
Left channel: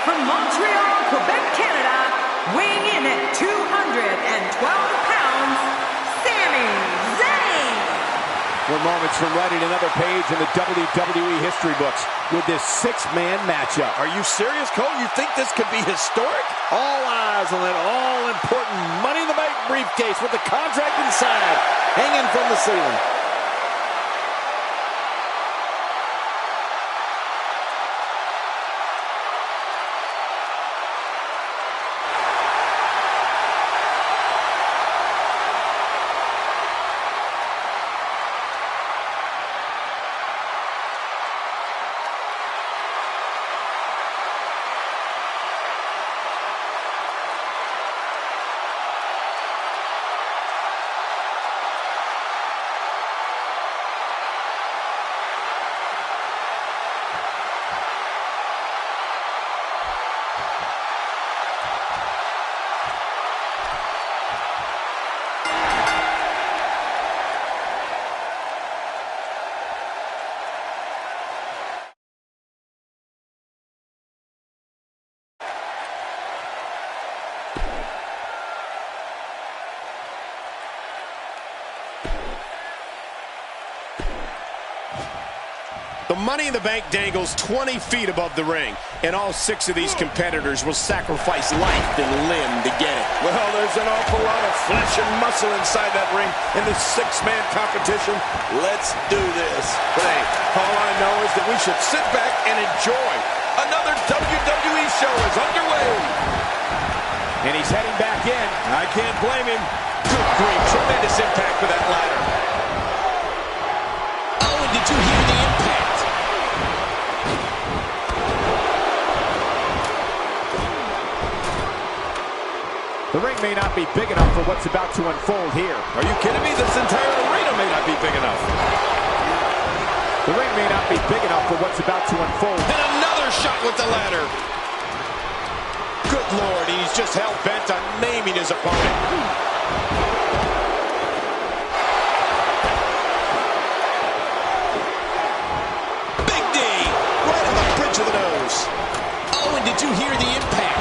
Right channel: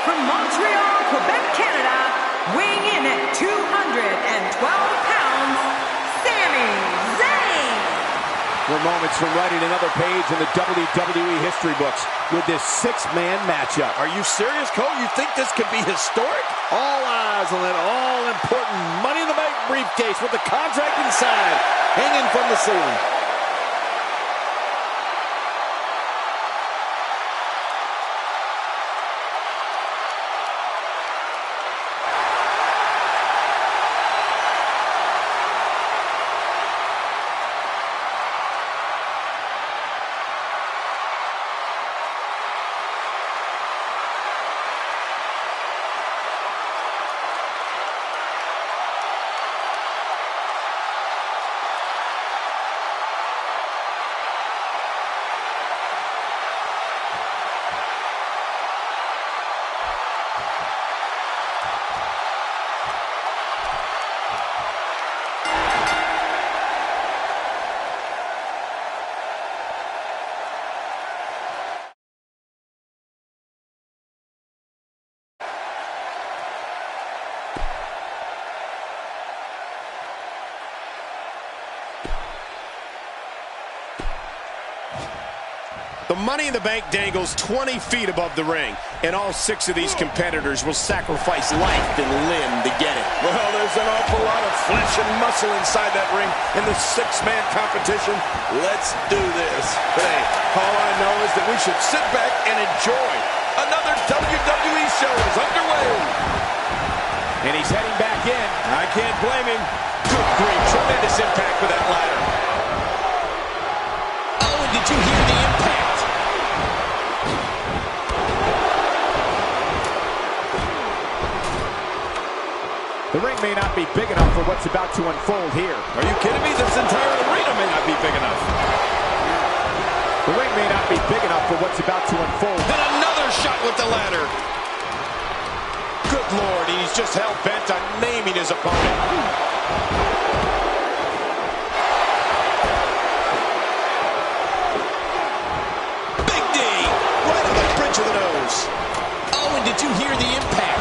From Montreal, Quebec, Canada, weighing in at 212 pounds, Sami Zayn. We're moments from writing another page in the WWE history books with this six-man matchup. Are you serious, Cole? You think this could be historic? All eyes on that all-important Money in the Bank briefcase with the contract inside, hanging from the ceiling. The Money in the Bank dangles 20 feet above the ring, and all 6 of these competitors will sacrifice life and limb to get it. Well, there's an awful lot of flesh and muscle inside that ring in this six-man competition. Let's do this. But hey, all I know is that we should sit back and enjoy. Another WWE show is underway. And he's heading back in. I can't blame him. Good grief, tremendous impact with that ladder. Oh, and did you hear the impact? The ring may not be big enough for what's about to unfold here. Are you kidding me? This entire arena may not be big enough. The ring may not be big enough for what's about to unfold. Then another shot with the ladder. Good Lord, he's just hell-bent on naming his opponent. Big D, right on the bridge of the nose. Oh, and did you hear the impact?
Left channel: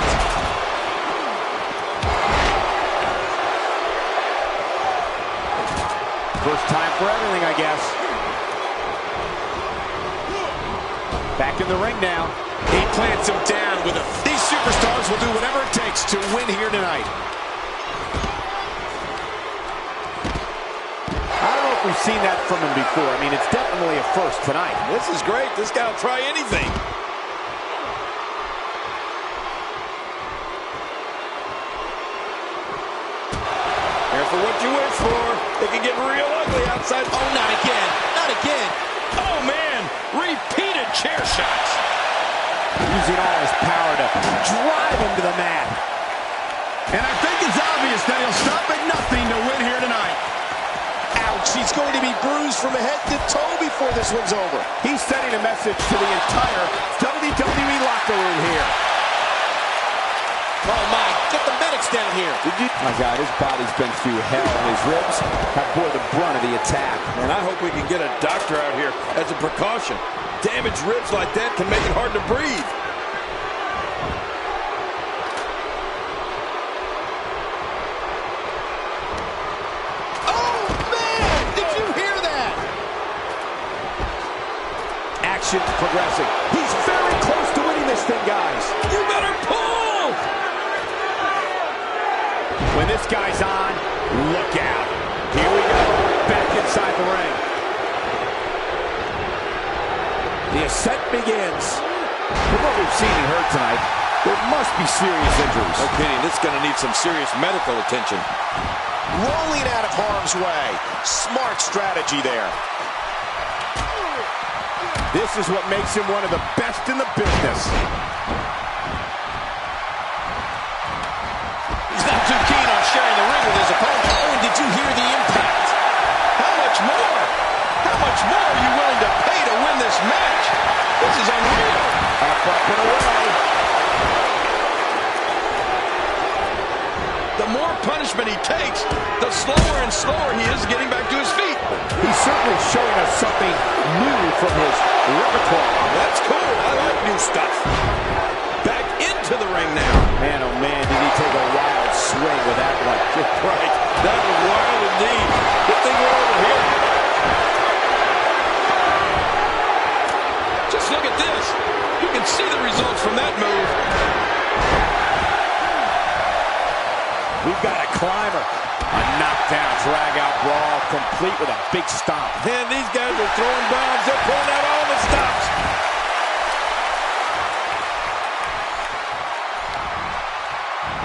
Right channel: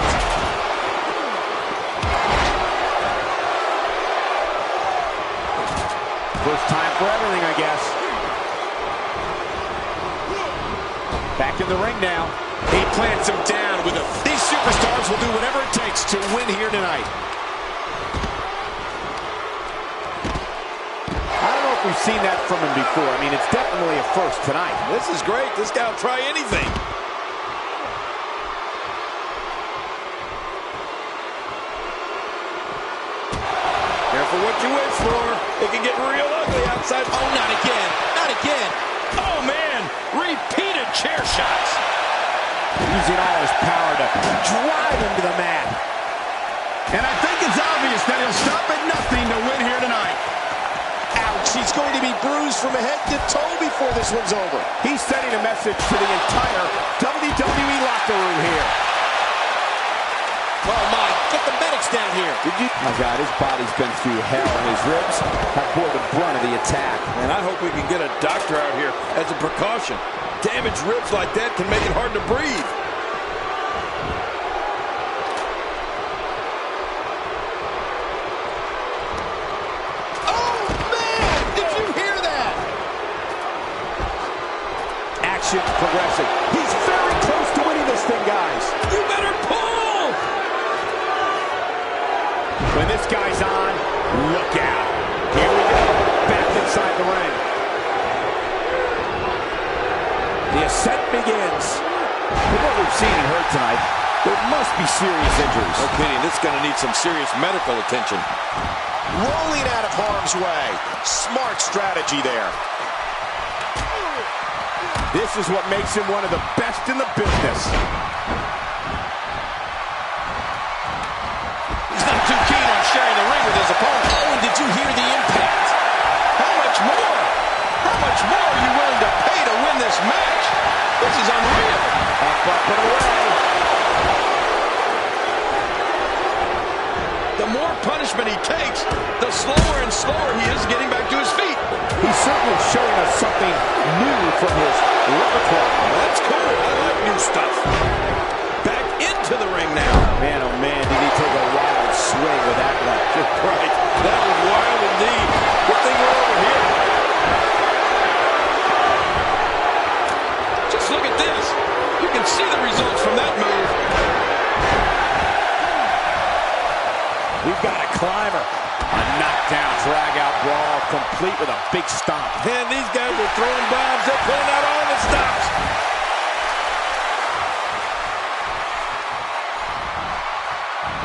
First time for everything, I guess. Back in the ring now. He plants him down with a... These superstars will do whatever it takes to win here tonight. I don't know if we've seen that from him before. I mean, it's definitely a first tonight. This is great. This guy will try anything. Careful what you wish for. It can get real ugly outside. Oh, not again. Not again. Oh, man. Repeated chair shots. Using all his power to drive him to the mat. And I think it's obvious that he'll stop at nothing to win here tonight. Ouch, he's going to be bruised from head to toe before this one's over. He's sending a message to the entire WWE locker room here. Oh, my, get the medics down here. My God, his body's been through hell, and his ribs have bore the brunt of the attack. And I hope we can get a doctor out here as a precaution. Damaged ribs like that can make it hard to breathe. Oh, man, did you hear that? Action progressing. He's very close to winning this thing, guys. You better pull! When this guy's on, look out. Here we go, back inside the ring. The ascent begins. From what we've seen and heard tonight, there must be serious injuries. No kidding, this is going to need some serious medical attention. Rolling out of harm's way. Smart strategy there. This is what makes him one of the best in the business. He's not too keen on sharing the ring with his opponent. Oh, and did you hear the impact? How much more? How much more are you willing to pay to win this match? This is unreal. Up and away. The more punishment he takes, the slower and slower he is getting back to his feet. He's certainly showing us something new from his repertoire. That's cool. I like new stuff. Back into the ring now. Man, oh man, did he take a wild swing with that one. Right. That was wild indeed. Good thing we're over here. We've got a climber. A knockdown, drag-out brawl, complete with a big stomp. Man, these guys are throwing bombs. They're pulling out all the stops.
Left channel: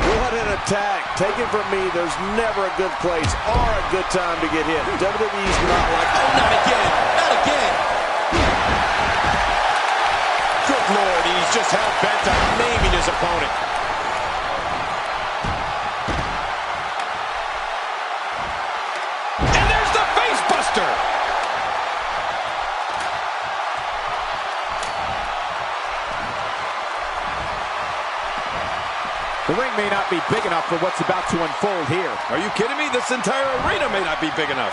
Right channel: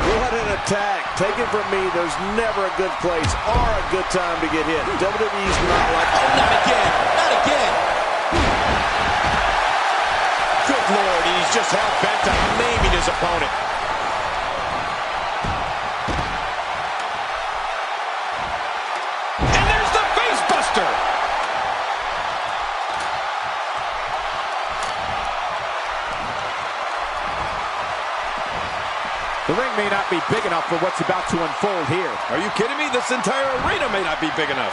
What an attack. Take it from me, there's never a good place or a good time to get hit. WWE's not like... Oh, not again. Not again. Good Lord, he's just hell-bent on maiming his opponent. And there's the face buster. The ring may not be big enough for what's about to unfold here. Are you kidding me? This entire arena may not be big enough.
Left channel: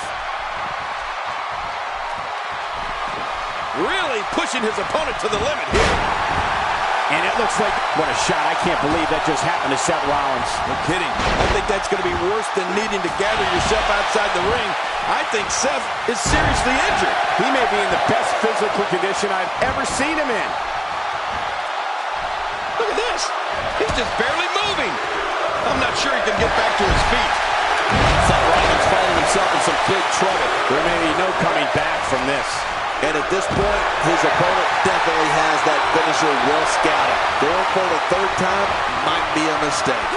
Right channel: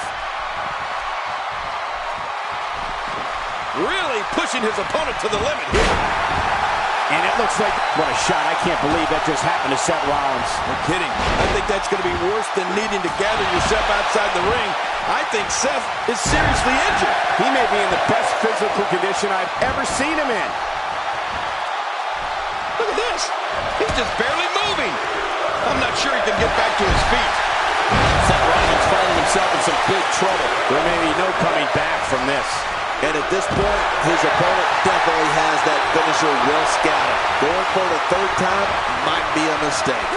Really pushing his opponent to the limit here. And it looks like, what a shot. I can't believe that just happened to Seth Rollins. No kidding. I think that's going to be worse than needing to gather yourself outside the ring. I think Seth is seriously injured. He may be in the best physical condition I've ever seen him in. Look at this. He's just barely moving. I'm not sure he can get back to his feet. Seth Rollins finding himself in some big trouble. There may be no coming back from this. And at this point, his opponent definitely has that finisher well scouted. Going for the third time might be a mistake.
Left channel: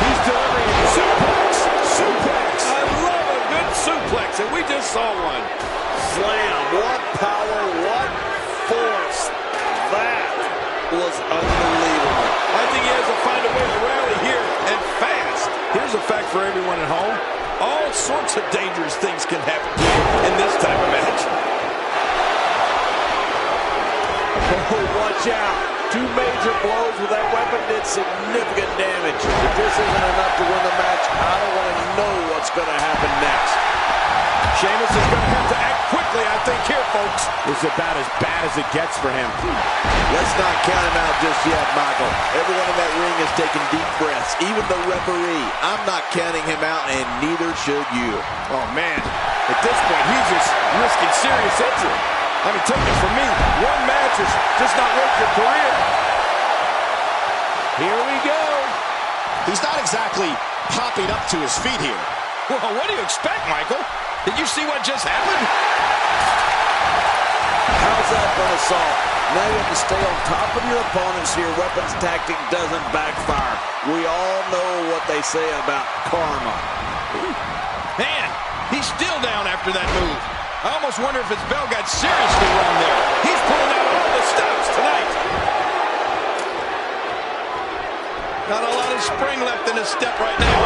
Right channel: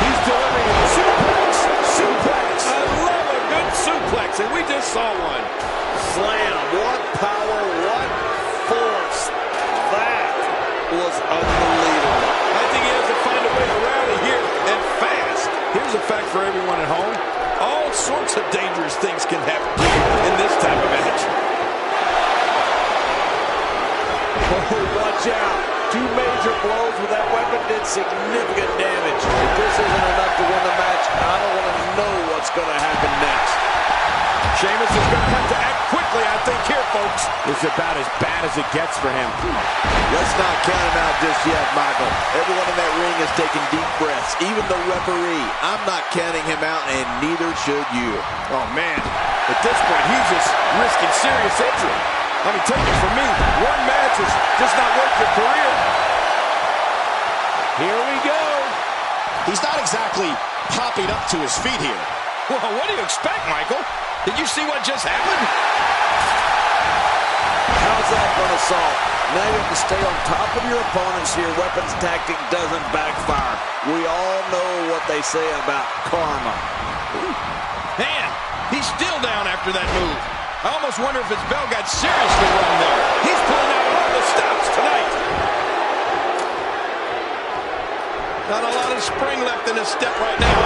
He's delivering a suplex. Suplex. I love a good suplex, and we just saw one. Slam. What power, what force. That was unbelievable. I think he has to find a way to rally here, and fast. Here's a fact for everyone at home. All sorts of dangerous things can happen to you in this type of match. Oh, watch out. Two major blows with that weapon did significant damage. If this isn't enough to win the match, I don't want to know what's going to happen next. Sheamus is going to have to act quickly, I think, here, folks. This is about as bad as it gets for him. Let's not count him out just yet, Michael. Everyone in that ring is taking deep breaths, even the referee. I'm not counting him out, and neither should you. Oh, man. At this point, he's just risking serious injury. I mean, take it from me. One match is just not worth your career. Here we go. He's not exactly popping up to his feet here. Well, what do you expect, Michael? Did you see what just happened? How's that for an assault? Now you have to stay on top of your opponents so your weapons tactic doesn't backfire. We all know what they say about karma. Man, he's still down after that move. I almost wonder if his bell got seriously wrong there. He's pulling out all the stops tonight. Not a lot of spring left in his step right now.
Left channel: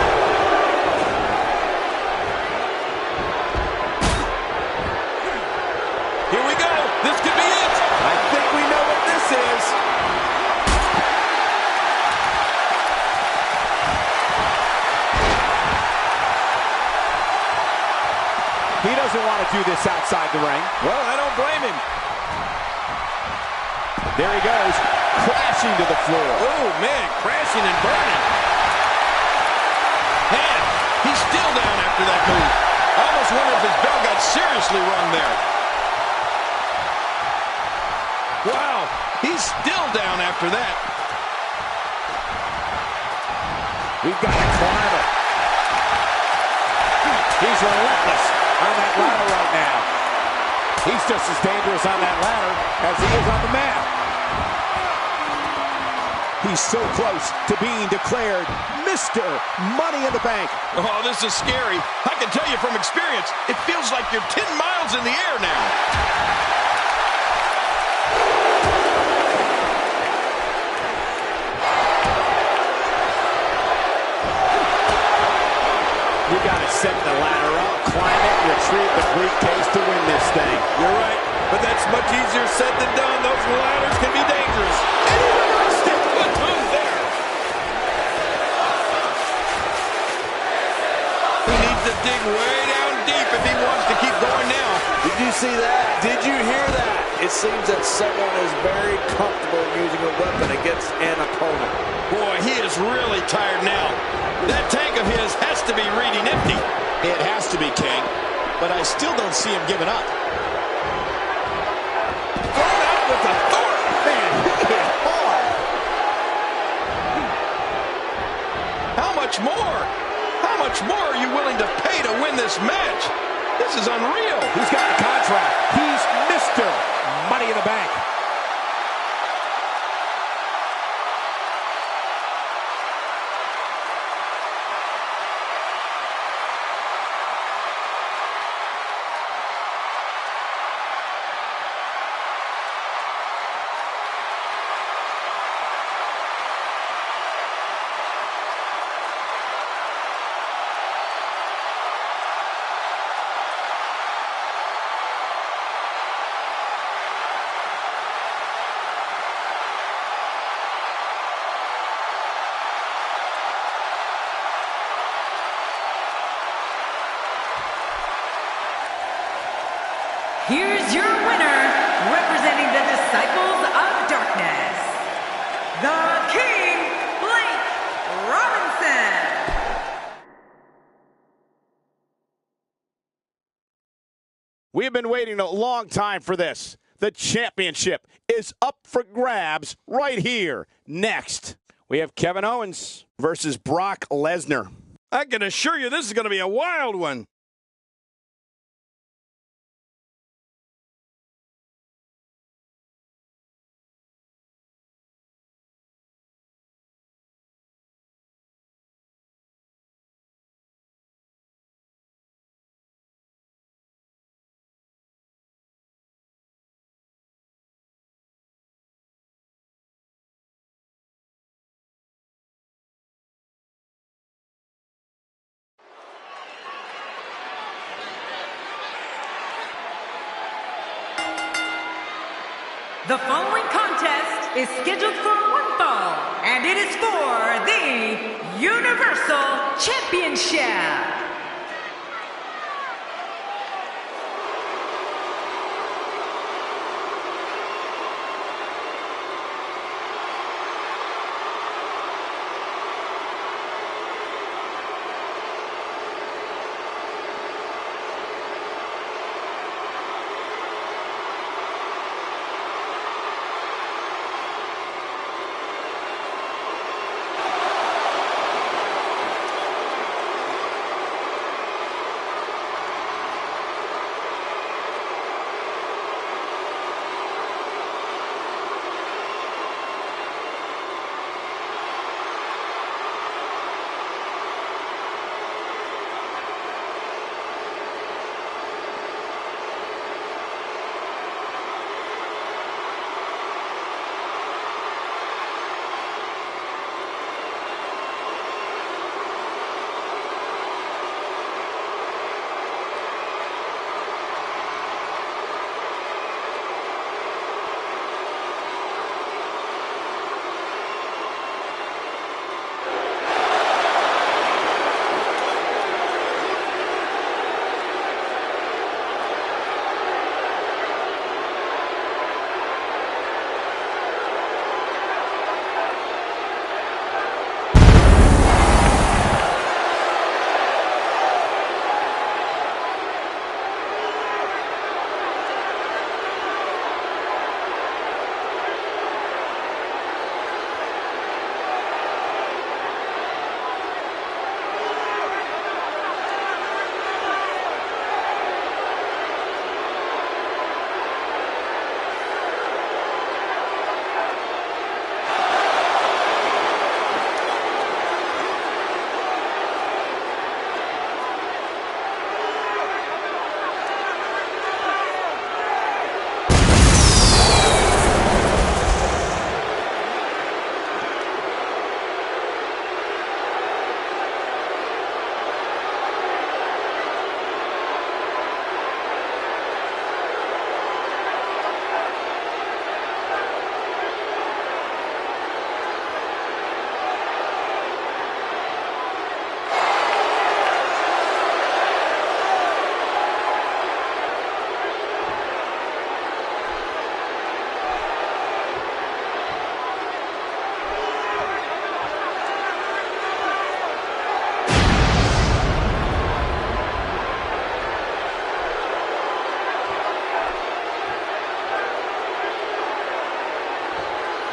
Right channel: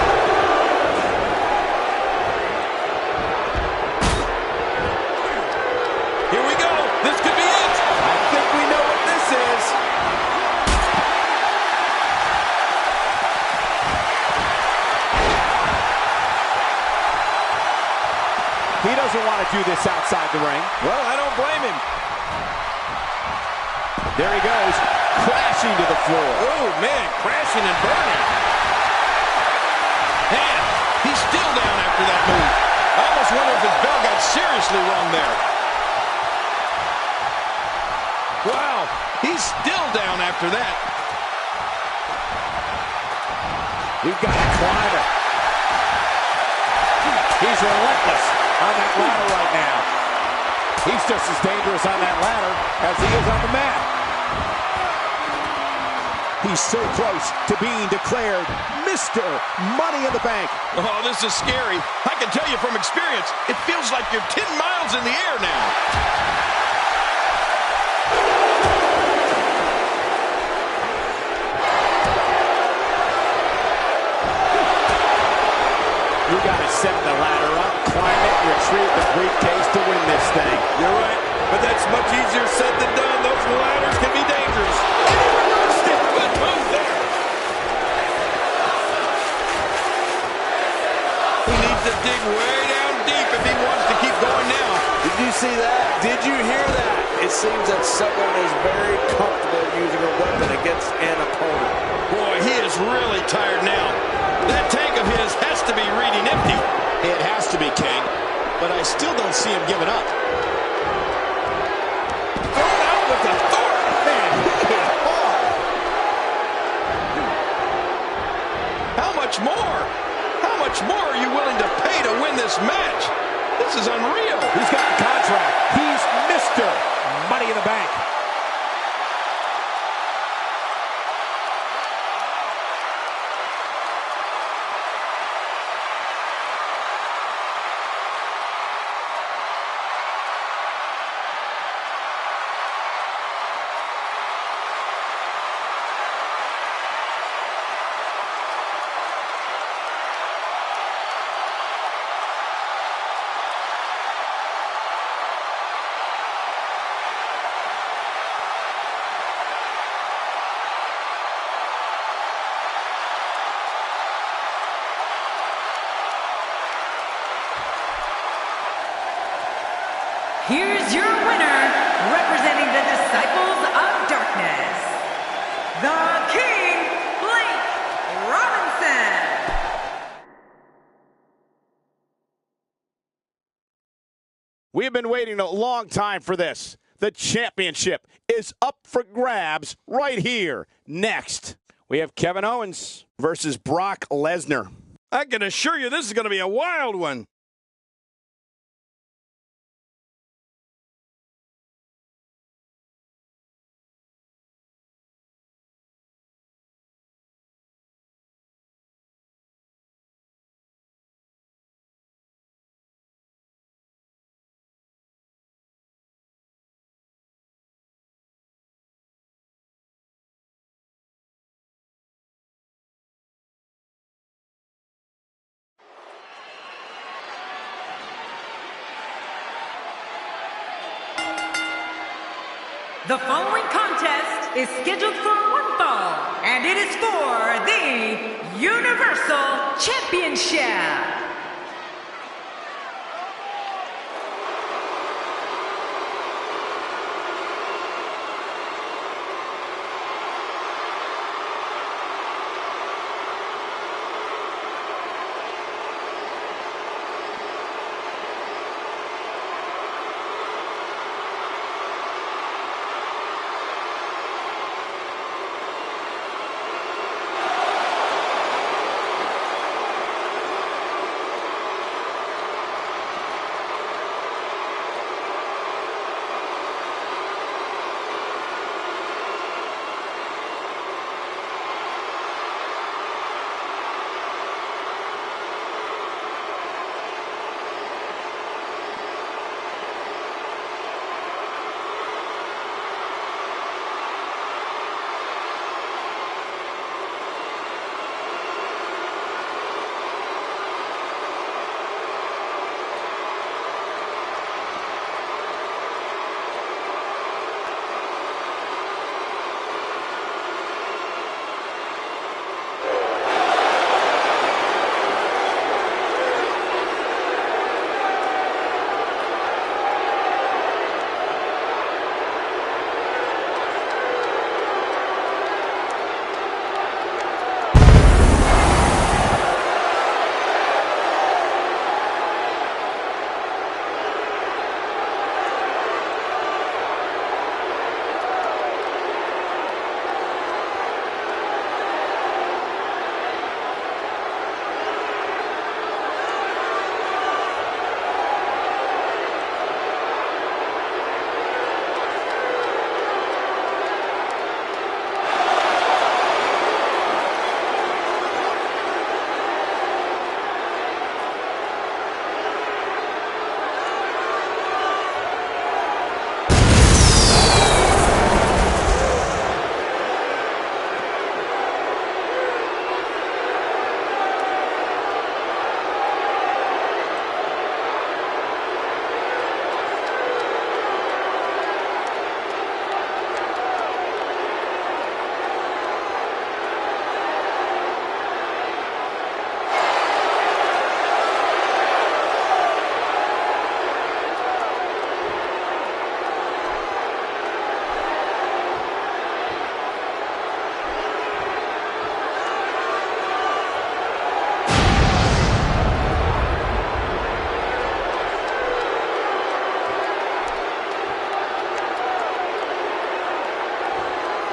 Here we go. This could be it. I think we know what this is. He doesn't want to do this outside the ring. Well, I don't blame him. There he goes, crashing to the floor. Oh, man, crashing and burning. Man, he's still down after that move. I almost wonder if his bell got seriously wrong there. Wow, he's still down after that. We've got a climber. He's relentless on that ladder right now. He's just as dangerous on that ladder as he is on the mat. He's so close to being declared Mr. Money in the Bank. Oh, this is scary. I can tell you from experience, it feels like you're 10 miles in the air now. You got to set the ladder up, climb it, and retrieve the briefcase to win this thing. You're right, but that's much easier said than done. Those ladders can be dangerous. And he reversed it. Good move there. He needs to dig way down deep if he wants to keep going now. Did you see that? Did you hear that? It seems that someone is very comfortable using a weapon against an opponent. Boy, he is really tired now. That tank of his has to be reading empty. It has to be, King. But I still don't see him giving up. Thrown out with authority. Man, he hit hard. How much more? much more are you willing to pay to win this match? This is unreal. He's got the contract. He's Mr. Money in the Bank. Here's your winner, representing the Disciples of Darkness, the King, Blake Robinson. We have been waiting a long time for this. The championship is up for grabs right here. Next, we have Kevin Owens versus Brock Lesnar. I can assure you this is going to be a wild one. The following contest is scheduled for one fall, and it is for the Universal Championship.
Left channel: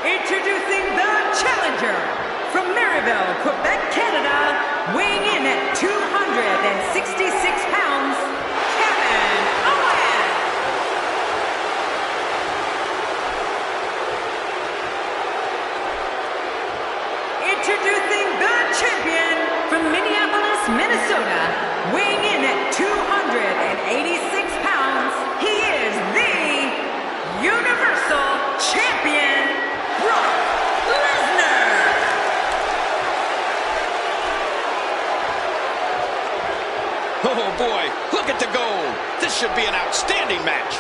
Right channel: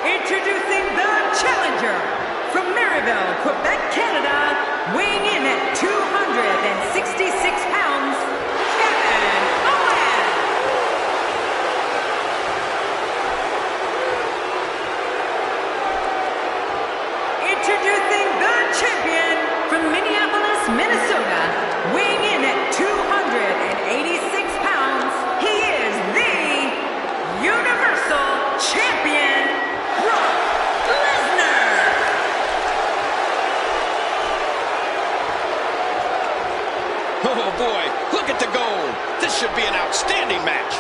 Introducing the challenger from Maryville, Quebec, Canada, weighing in at 266 pounds, Kevin Owens. Introducing the champion from Minneapolis, Minnesota, weighing in at 286 pounds, he is the Universal Champion, Brock Lesnar. Oh, boy, look at the gold. This should be an outstanding match.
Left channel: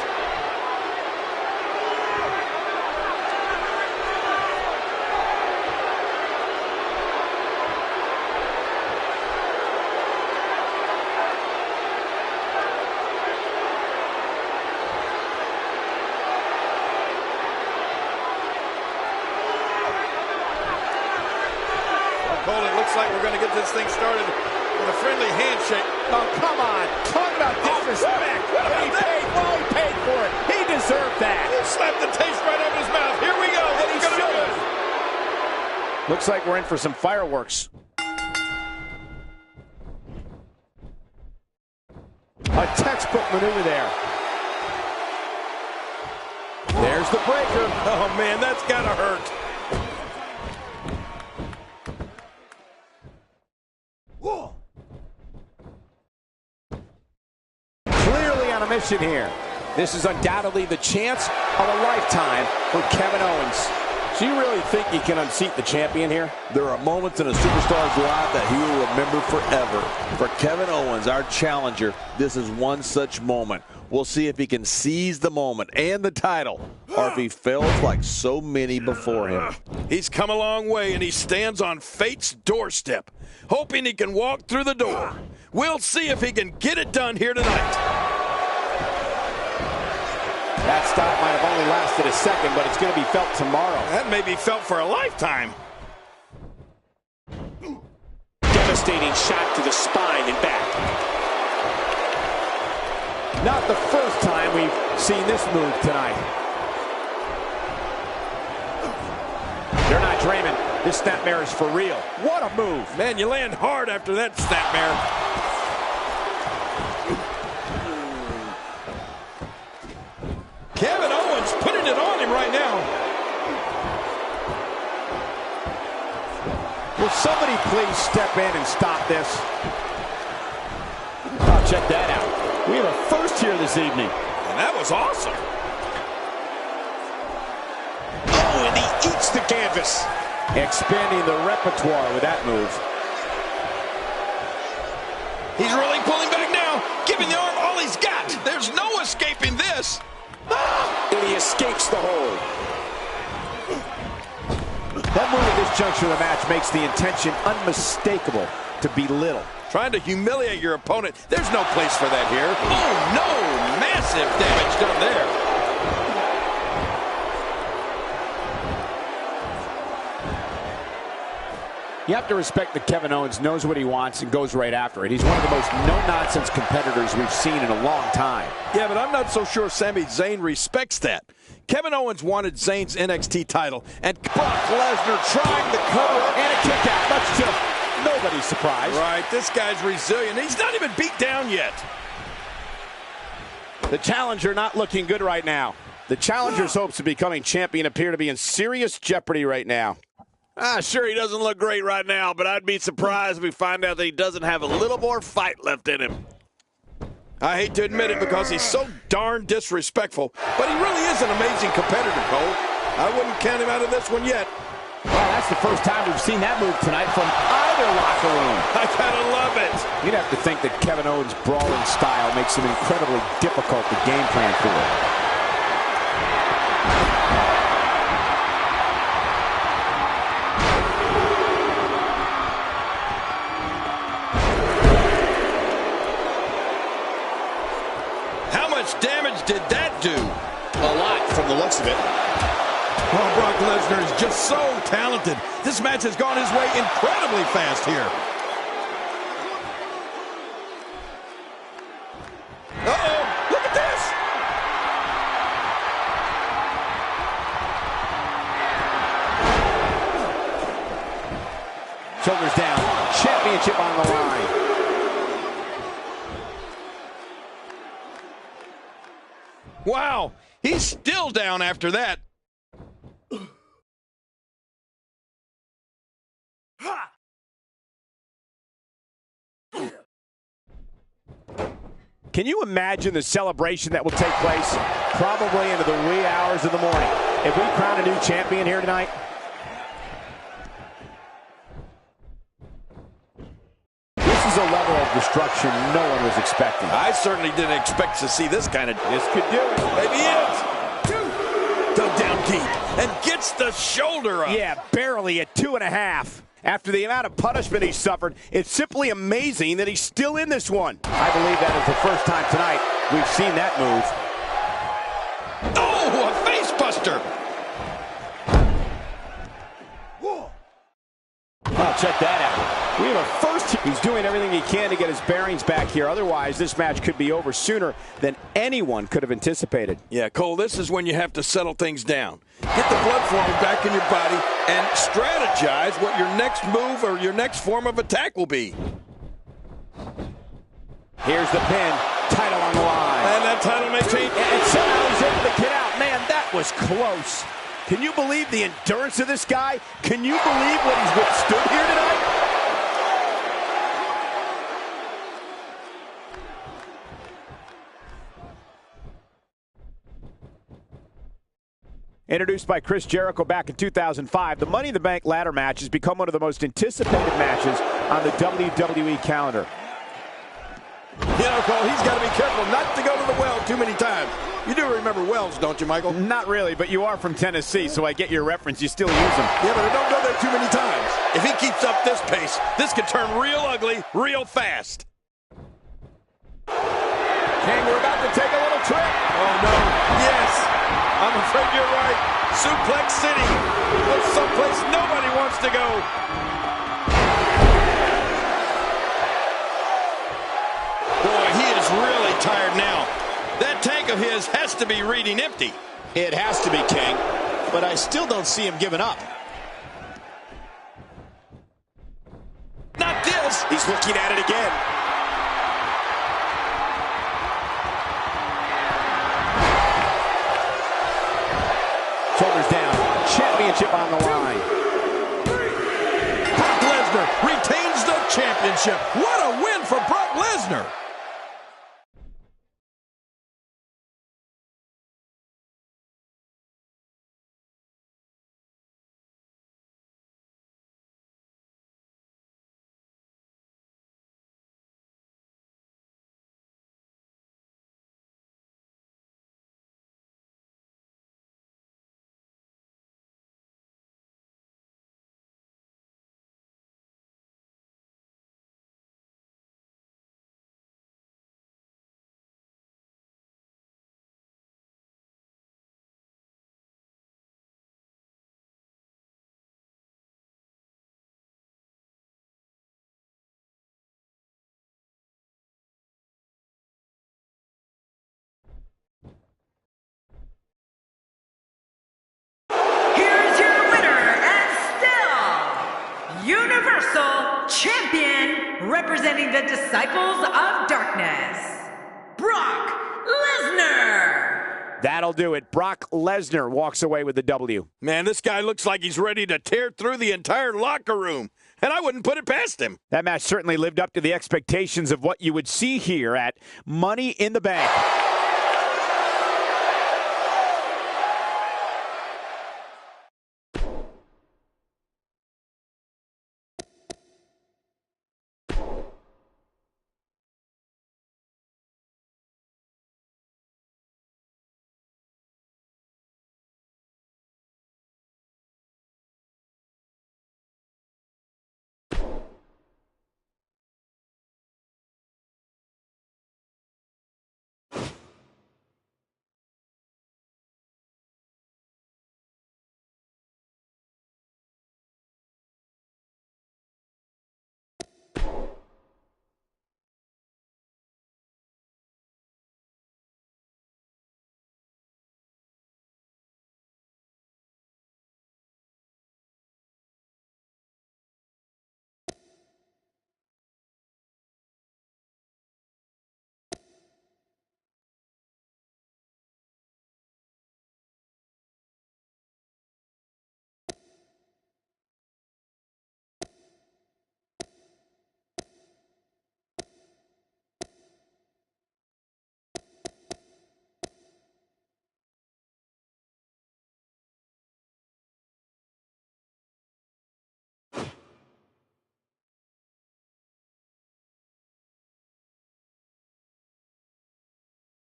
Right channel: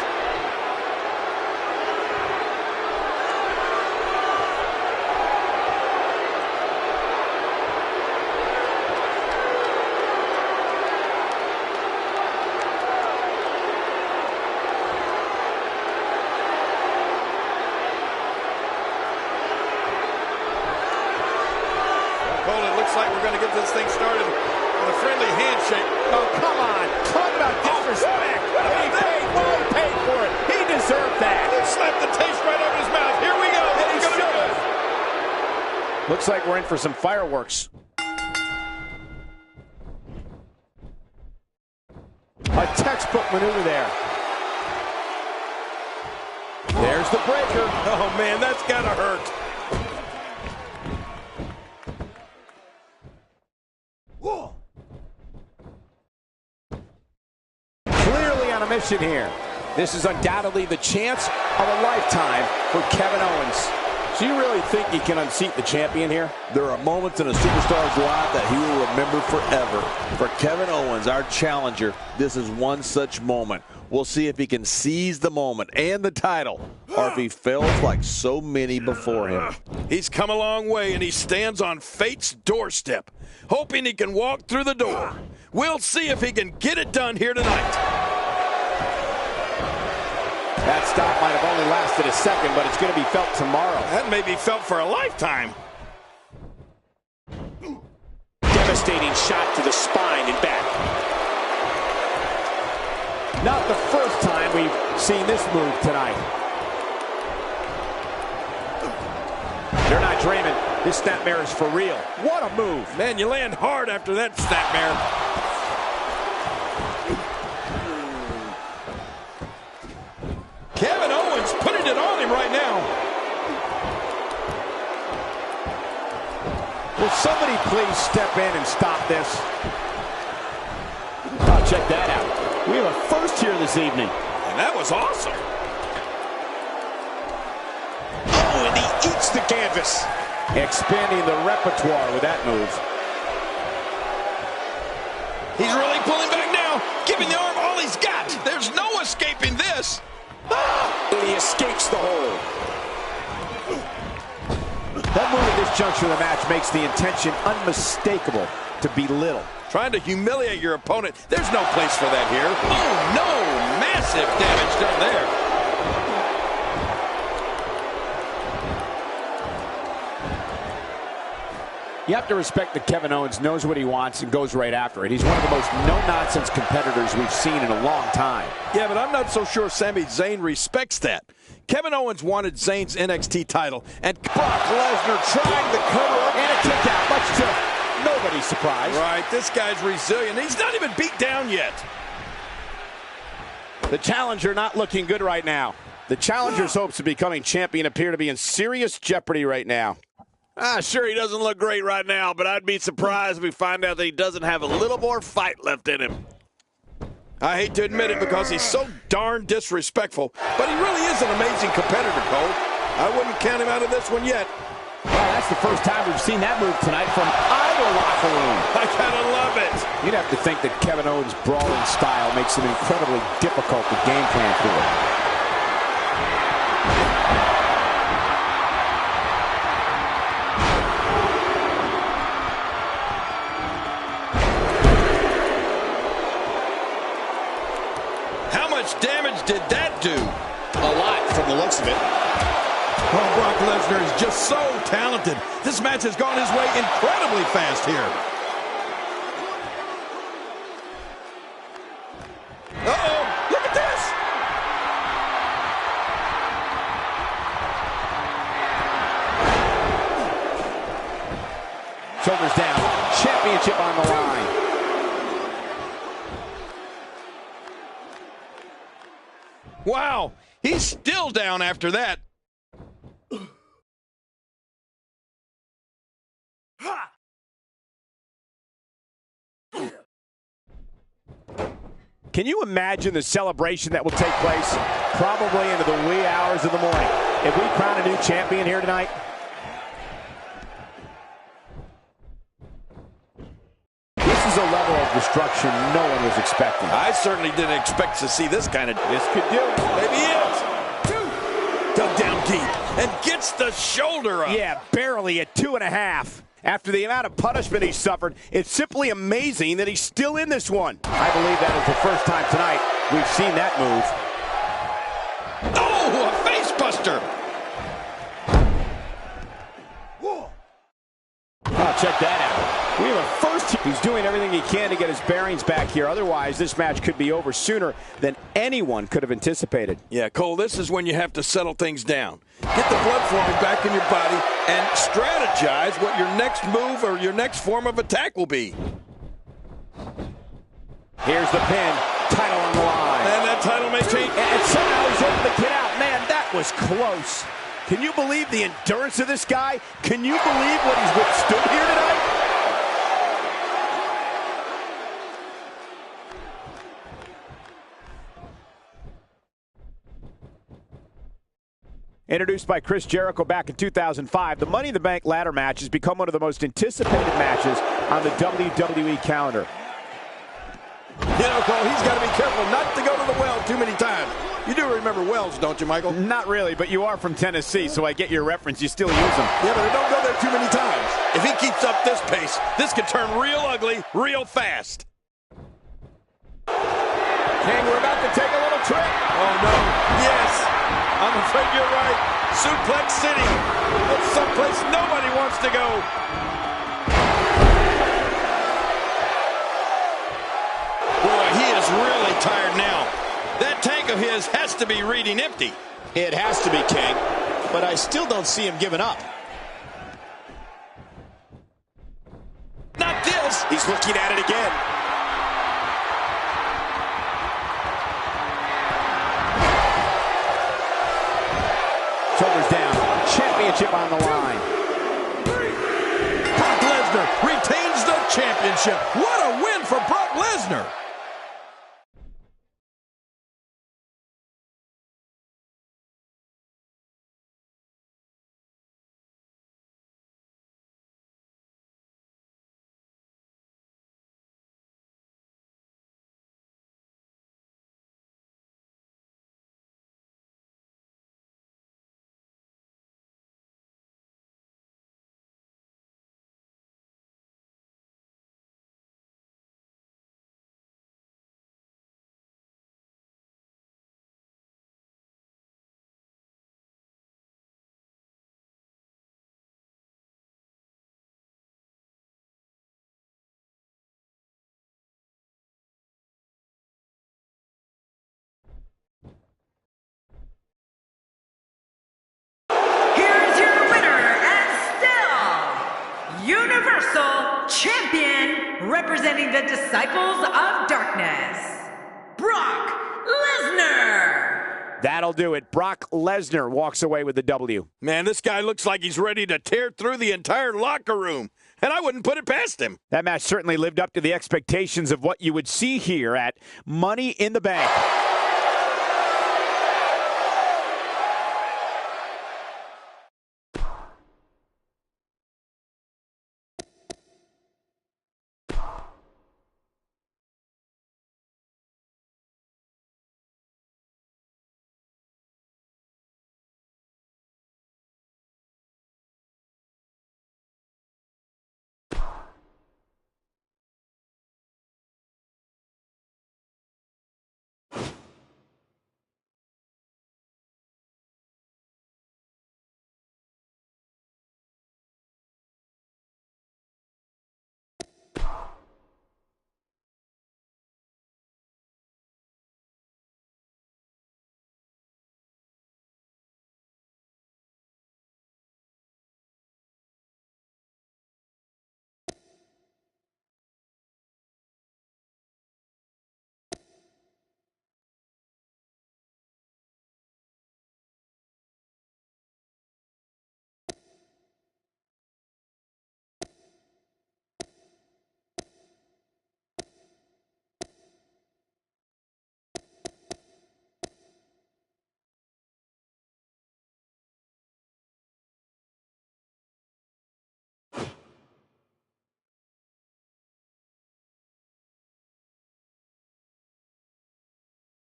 Cole, it looks like we're going to get this thing started with a friendly handshake. Oh, come on. Talk about disrespect. What about he that? paid, well, he paid for it. He deserved that. He slapped the taste right out of his mouth. Here we go. This is going to be good. Looks like we're in for some fireworks. A textbook maneuver there. There's the breaker. Oh, man, that's got to hurt. Clearly on a mission here. This is undoubtedly the chance of a lifetime for Kevin Owens. Do you really think he can unseat the champion here? There are moments in a superstar's life that he will remember forever. For Kevin Owens, our challenger, this is one such moment. We'll see if he can seize the moment and the title, or if he fails like so many before him. He's come a long way, and he stands on fate's doorstep, hoping he can walk through the door. We'll see if he can get it done here tonight. That stop might have only lasted a second, but it's going to be felt tomorrow. That may be felt for a lifetime. Devastating shot to the spine and back. Not the first time we've seen this move tonight. They're not dreaming. This snapmare is for real. What a move. Man, you land hard after that snapmare. Kevin Owens putting it on him right now. Will somebody please step in and stop this? Oh, check that out. We have a first here this evening. And that was awesome. Oh, and he eats the canvas. Expanding the repertoire with that move. He's really pulling back now, giving the arm all he's got. There's no escaping this. And he escapes the hold. That move at this juncture of the match makes the intention unmistakable to belittle. Trying to humiliate your opponent. There's no place for that here. Oh, no. Massive damage done there. You have to respect that Kevin Owens knows what he wants and goes right after it. He's one of the most no-nonsense competitors we've seen in a long time. Yeah, but I'm not so sure Sami Zayn respects that. Kevin Owens wanted Zayn's NXT title, and Brock Lesnar trying to cover up and a kick out, much to nobody's surprise. Right, this guy's resilient. He's not even beat down yet. The challenger not looking good right now. The challenger's hopes of becoming champion appear to be in serious jeopardy right now. Sure, he doesn't look great right now, but I'd be surprised if we find out that he doesn't have a little more fight left in him. I hate to admit it because he's so darn disrespectful, but he really is an amazing competitor, Cole. I wouldn't count him out of this one yet. Well, that's the first time we've seen that move tonight from either locker room. I gotta love it. You'd have to think that Kevin Owens' brawling style makes him incredibly difficult to game plan for. How much damage did that do? A lot from the looks of it. Well, Brock Lesnar is just so talented. This match has gone his way incredibly fast here. Uh-oh, look at this. Shoulders down. Championship on the line. Wow, he's still down after that. Can you imagine the celebration that will take place probably into the wee hours of the morning if we crown a new champion here tonight? This is a level of destruction no one was expecting. I certainly didn't expect to see this kind of... This could do it. Maybe it. Dug down deep and gets the shoulder up. Yeah, barely at 2.5. After the amount of punishment he suffered, it's simply amazing that he's still in this one. I believe that is the first time tonight we've seen that move. Oh, a face buster. Oh, check that out. We have a first. He's doing everything he can to get his bearings back here. Otherwise, this match could be over sooner than anyone could have anticipated. Yeah, Cole, this is when you have to settle things down. Get the blood flowing back in your body and strategize what your next move or your next form of attack will be. Here's the pin. Title on the line. And that title may change. And somehow he's able to get out. Man, that was close. Can you believe the endurance of this guy? Can you believe what he's withstood here tonight? Introduced by Chris Jericho back in 2005, the Money in the Bank ladder match has become one of the most anticipated matches on the WWE calendar. You know, Cole, he's got to be careful not to go to the well too many times. You do remember wells, don't you, Michael? Not really, but you are from Tennessee, so I get your reference. You still use them. Yeah, but don't go there too many times. If he keeps up this pace, this could turn real ugly real fast. King, we're about to take a little trip. Oh, no. Yes. I'm afraid you're right. Suplex City. That's someplace nobody wants to go. Boy, he is really tired now. That tank of his has to be reading empty. It has to be, King, but I still don't see him giving up. Not this. He's looking at it again. Shoulders down. Championship on the line. Brock Lesnar retains the championship. What a win for Brock Lesnar. Universal Champion, representing the Disciples of Darkness, Brock Lesnar. That'll do it. Brock Lesnar walks away with the W. Man, this guy looks like he's ready to tear through the entire locker room, and I wouldn't put it past him. That match certainly lived up to the expectations of what you would see here at Money in the Bank.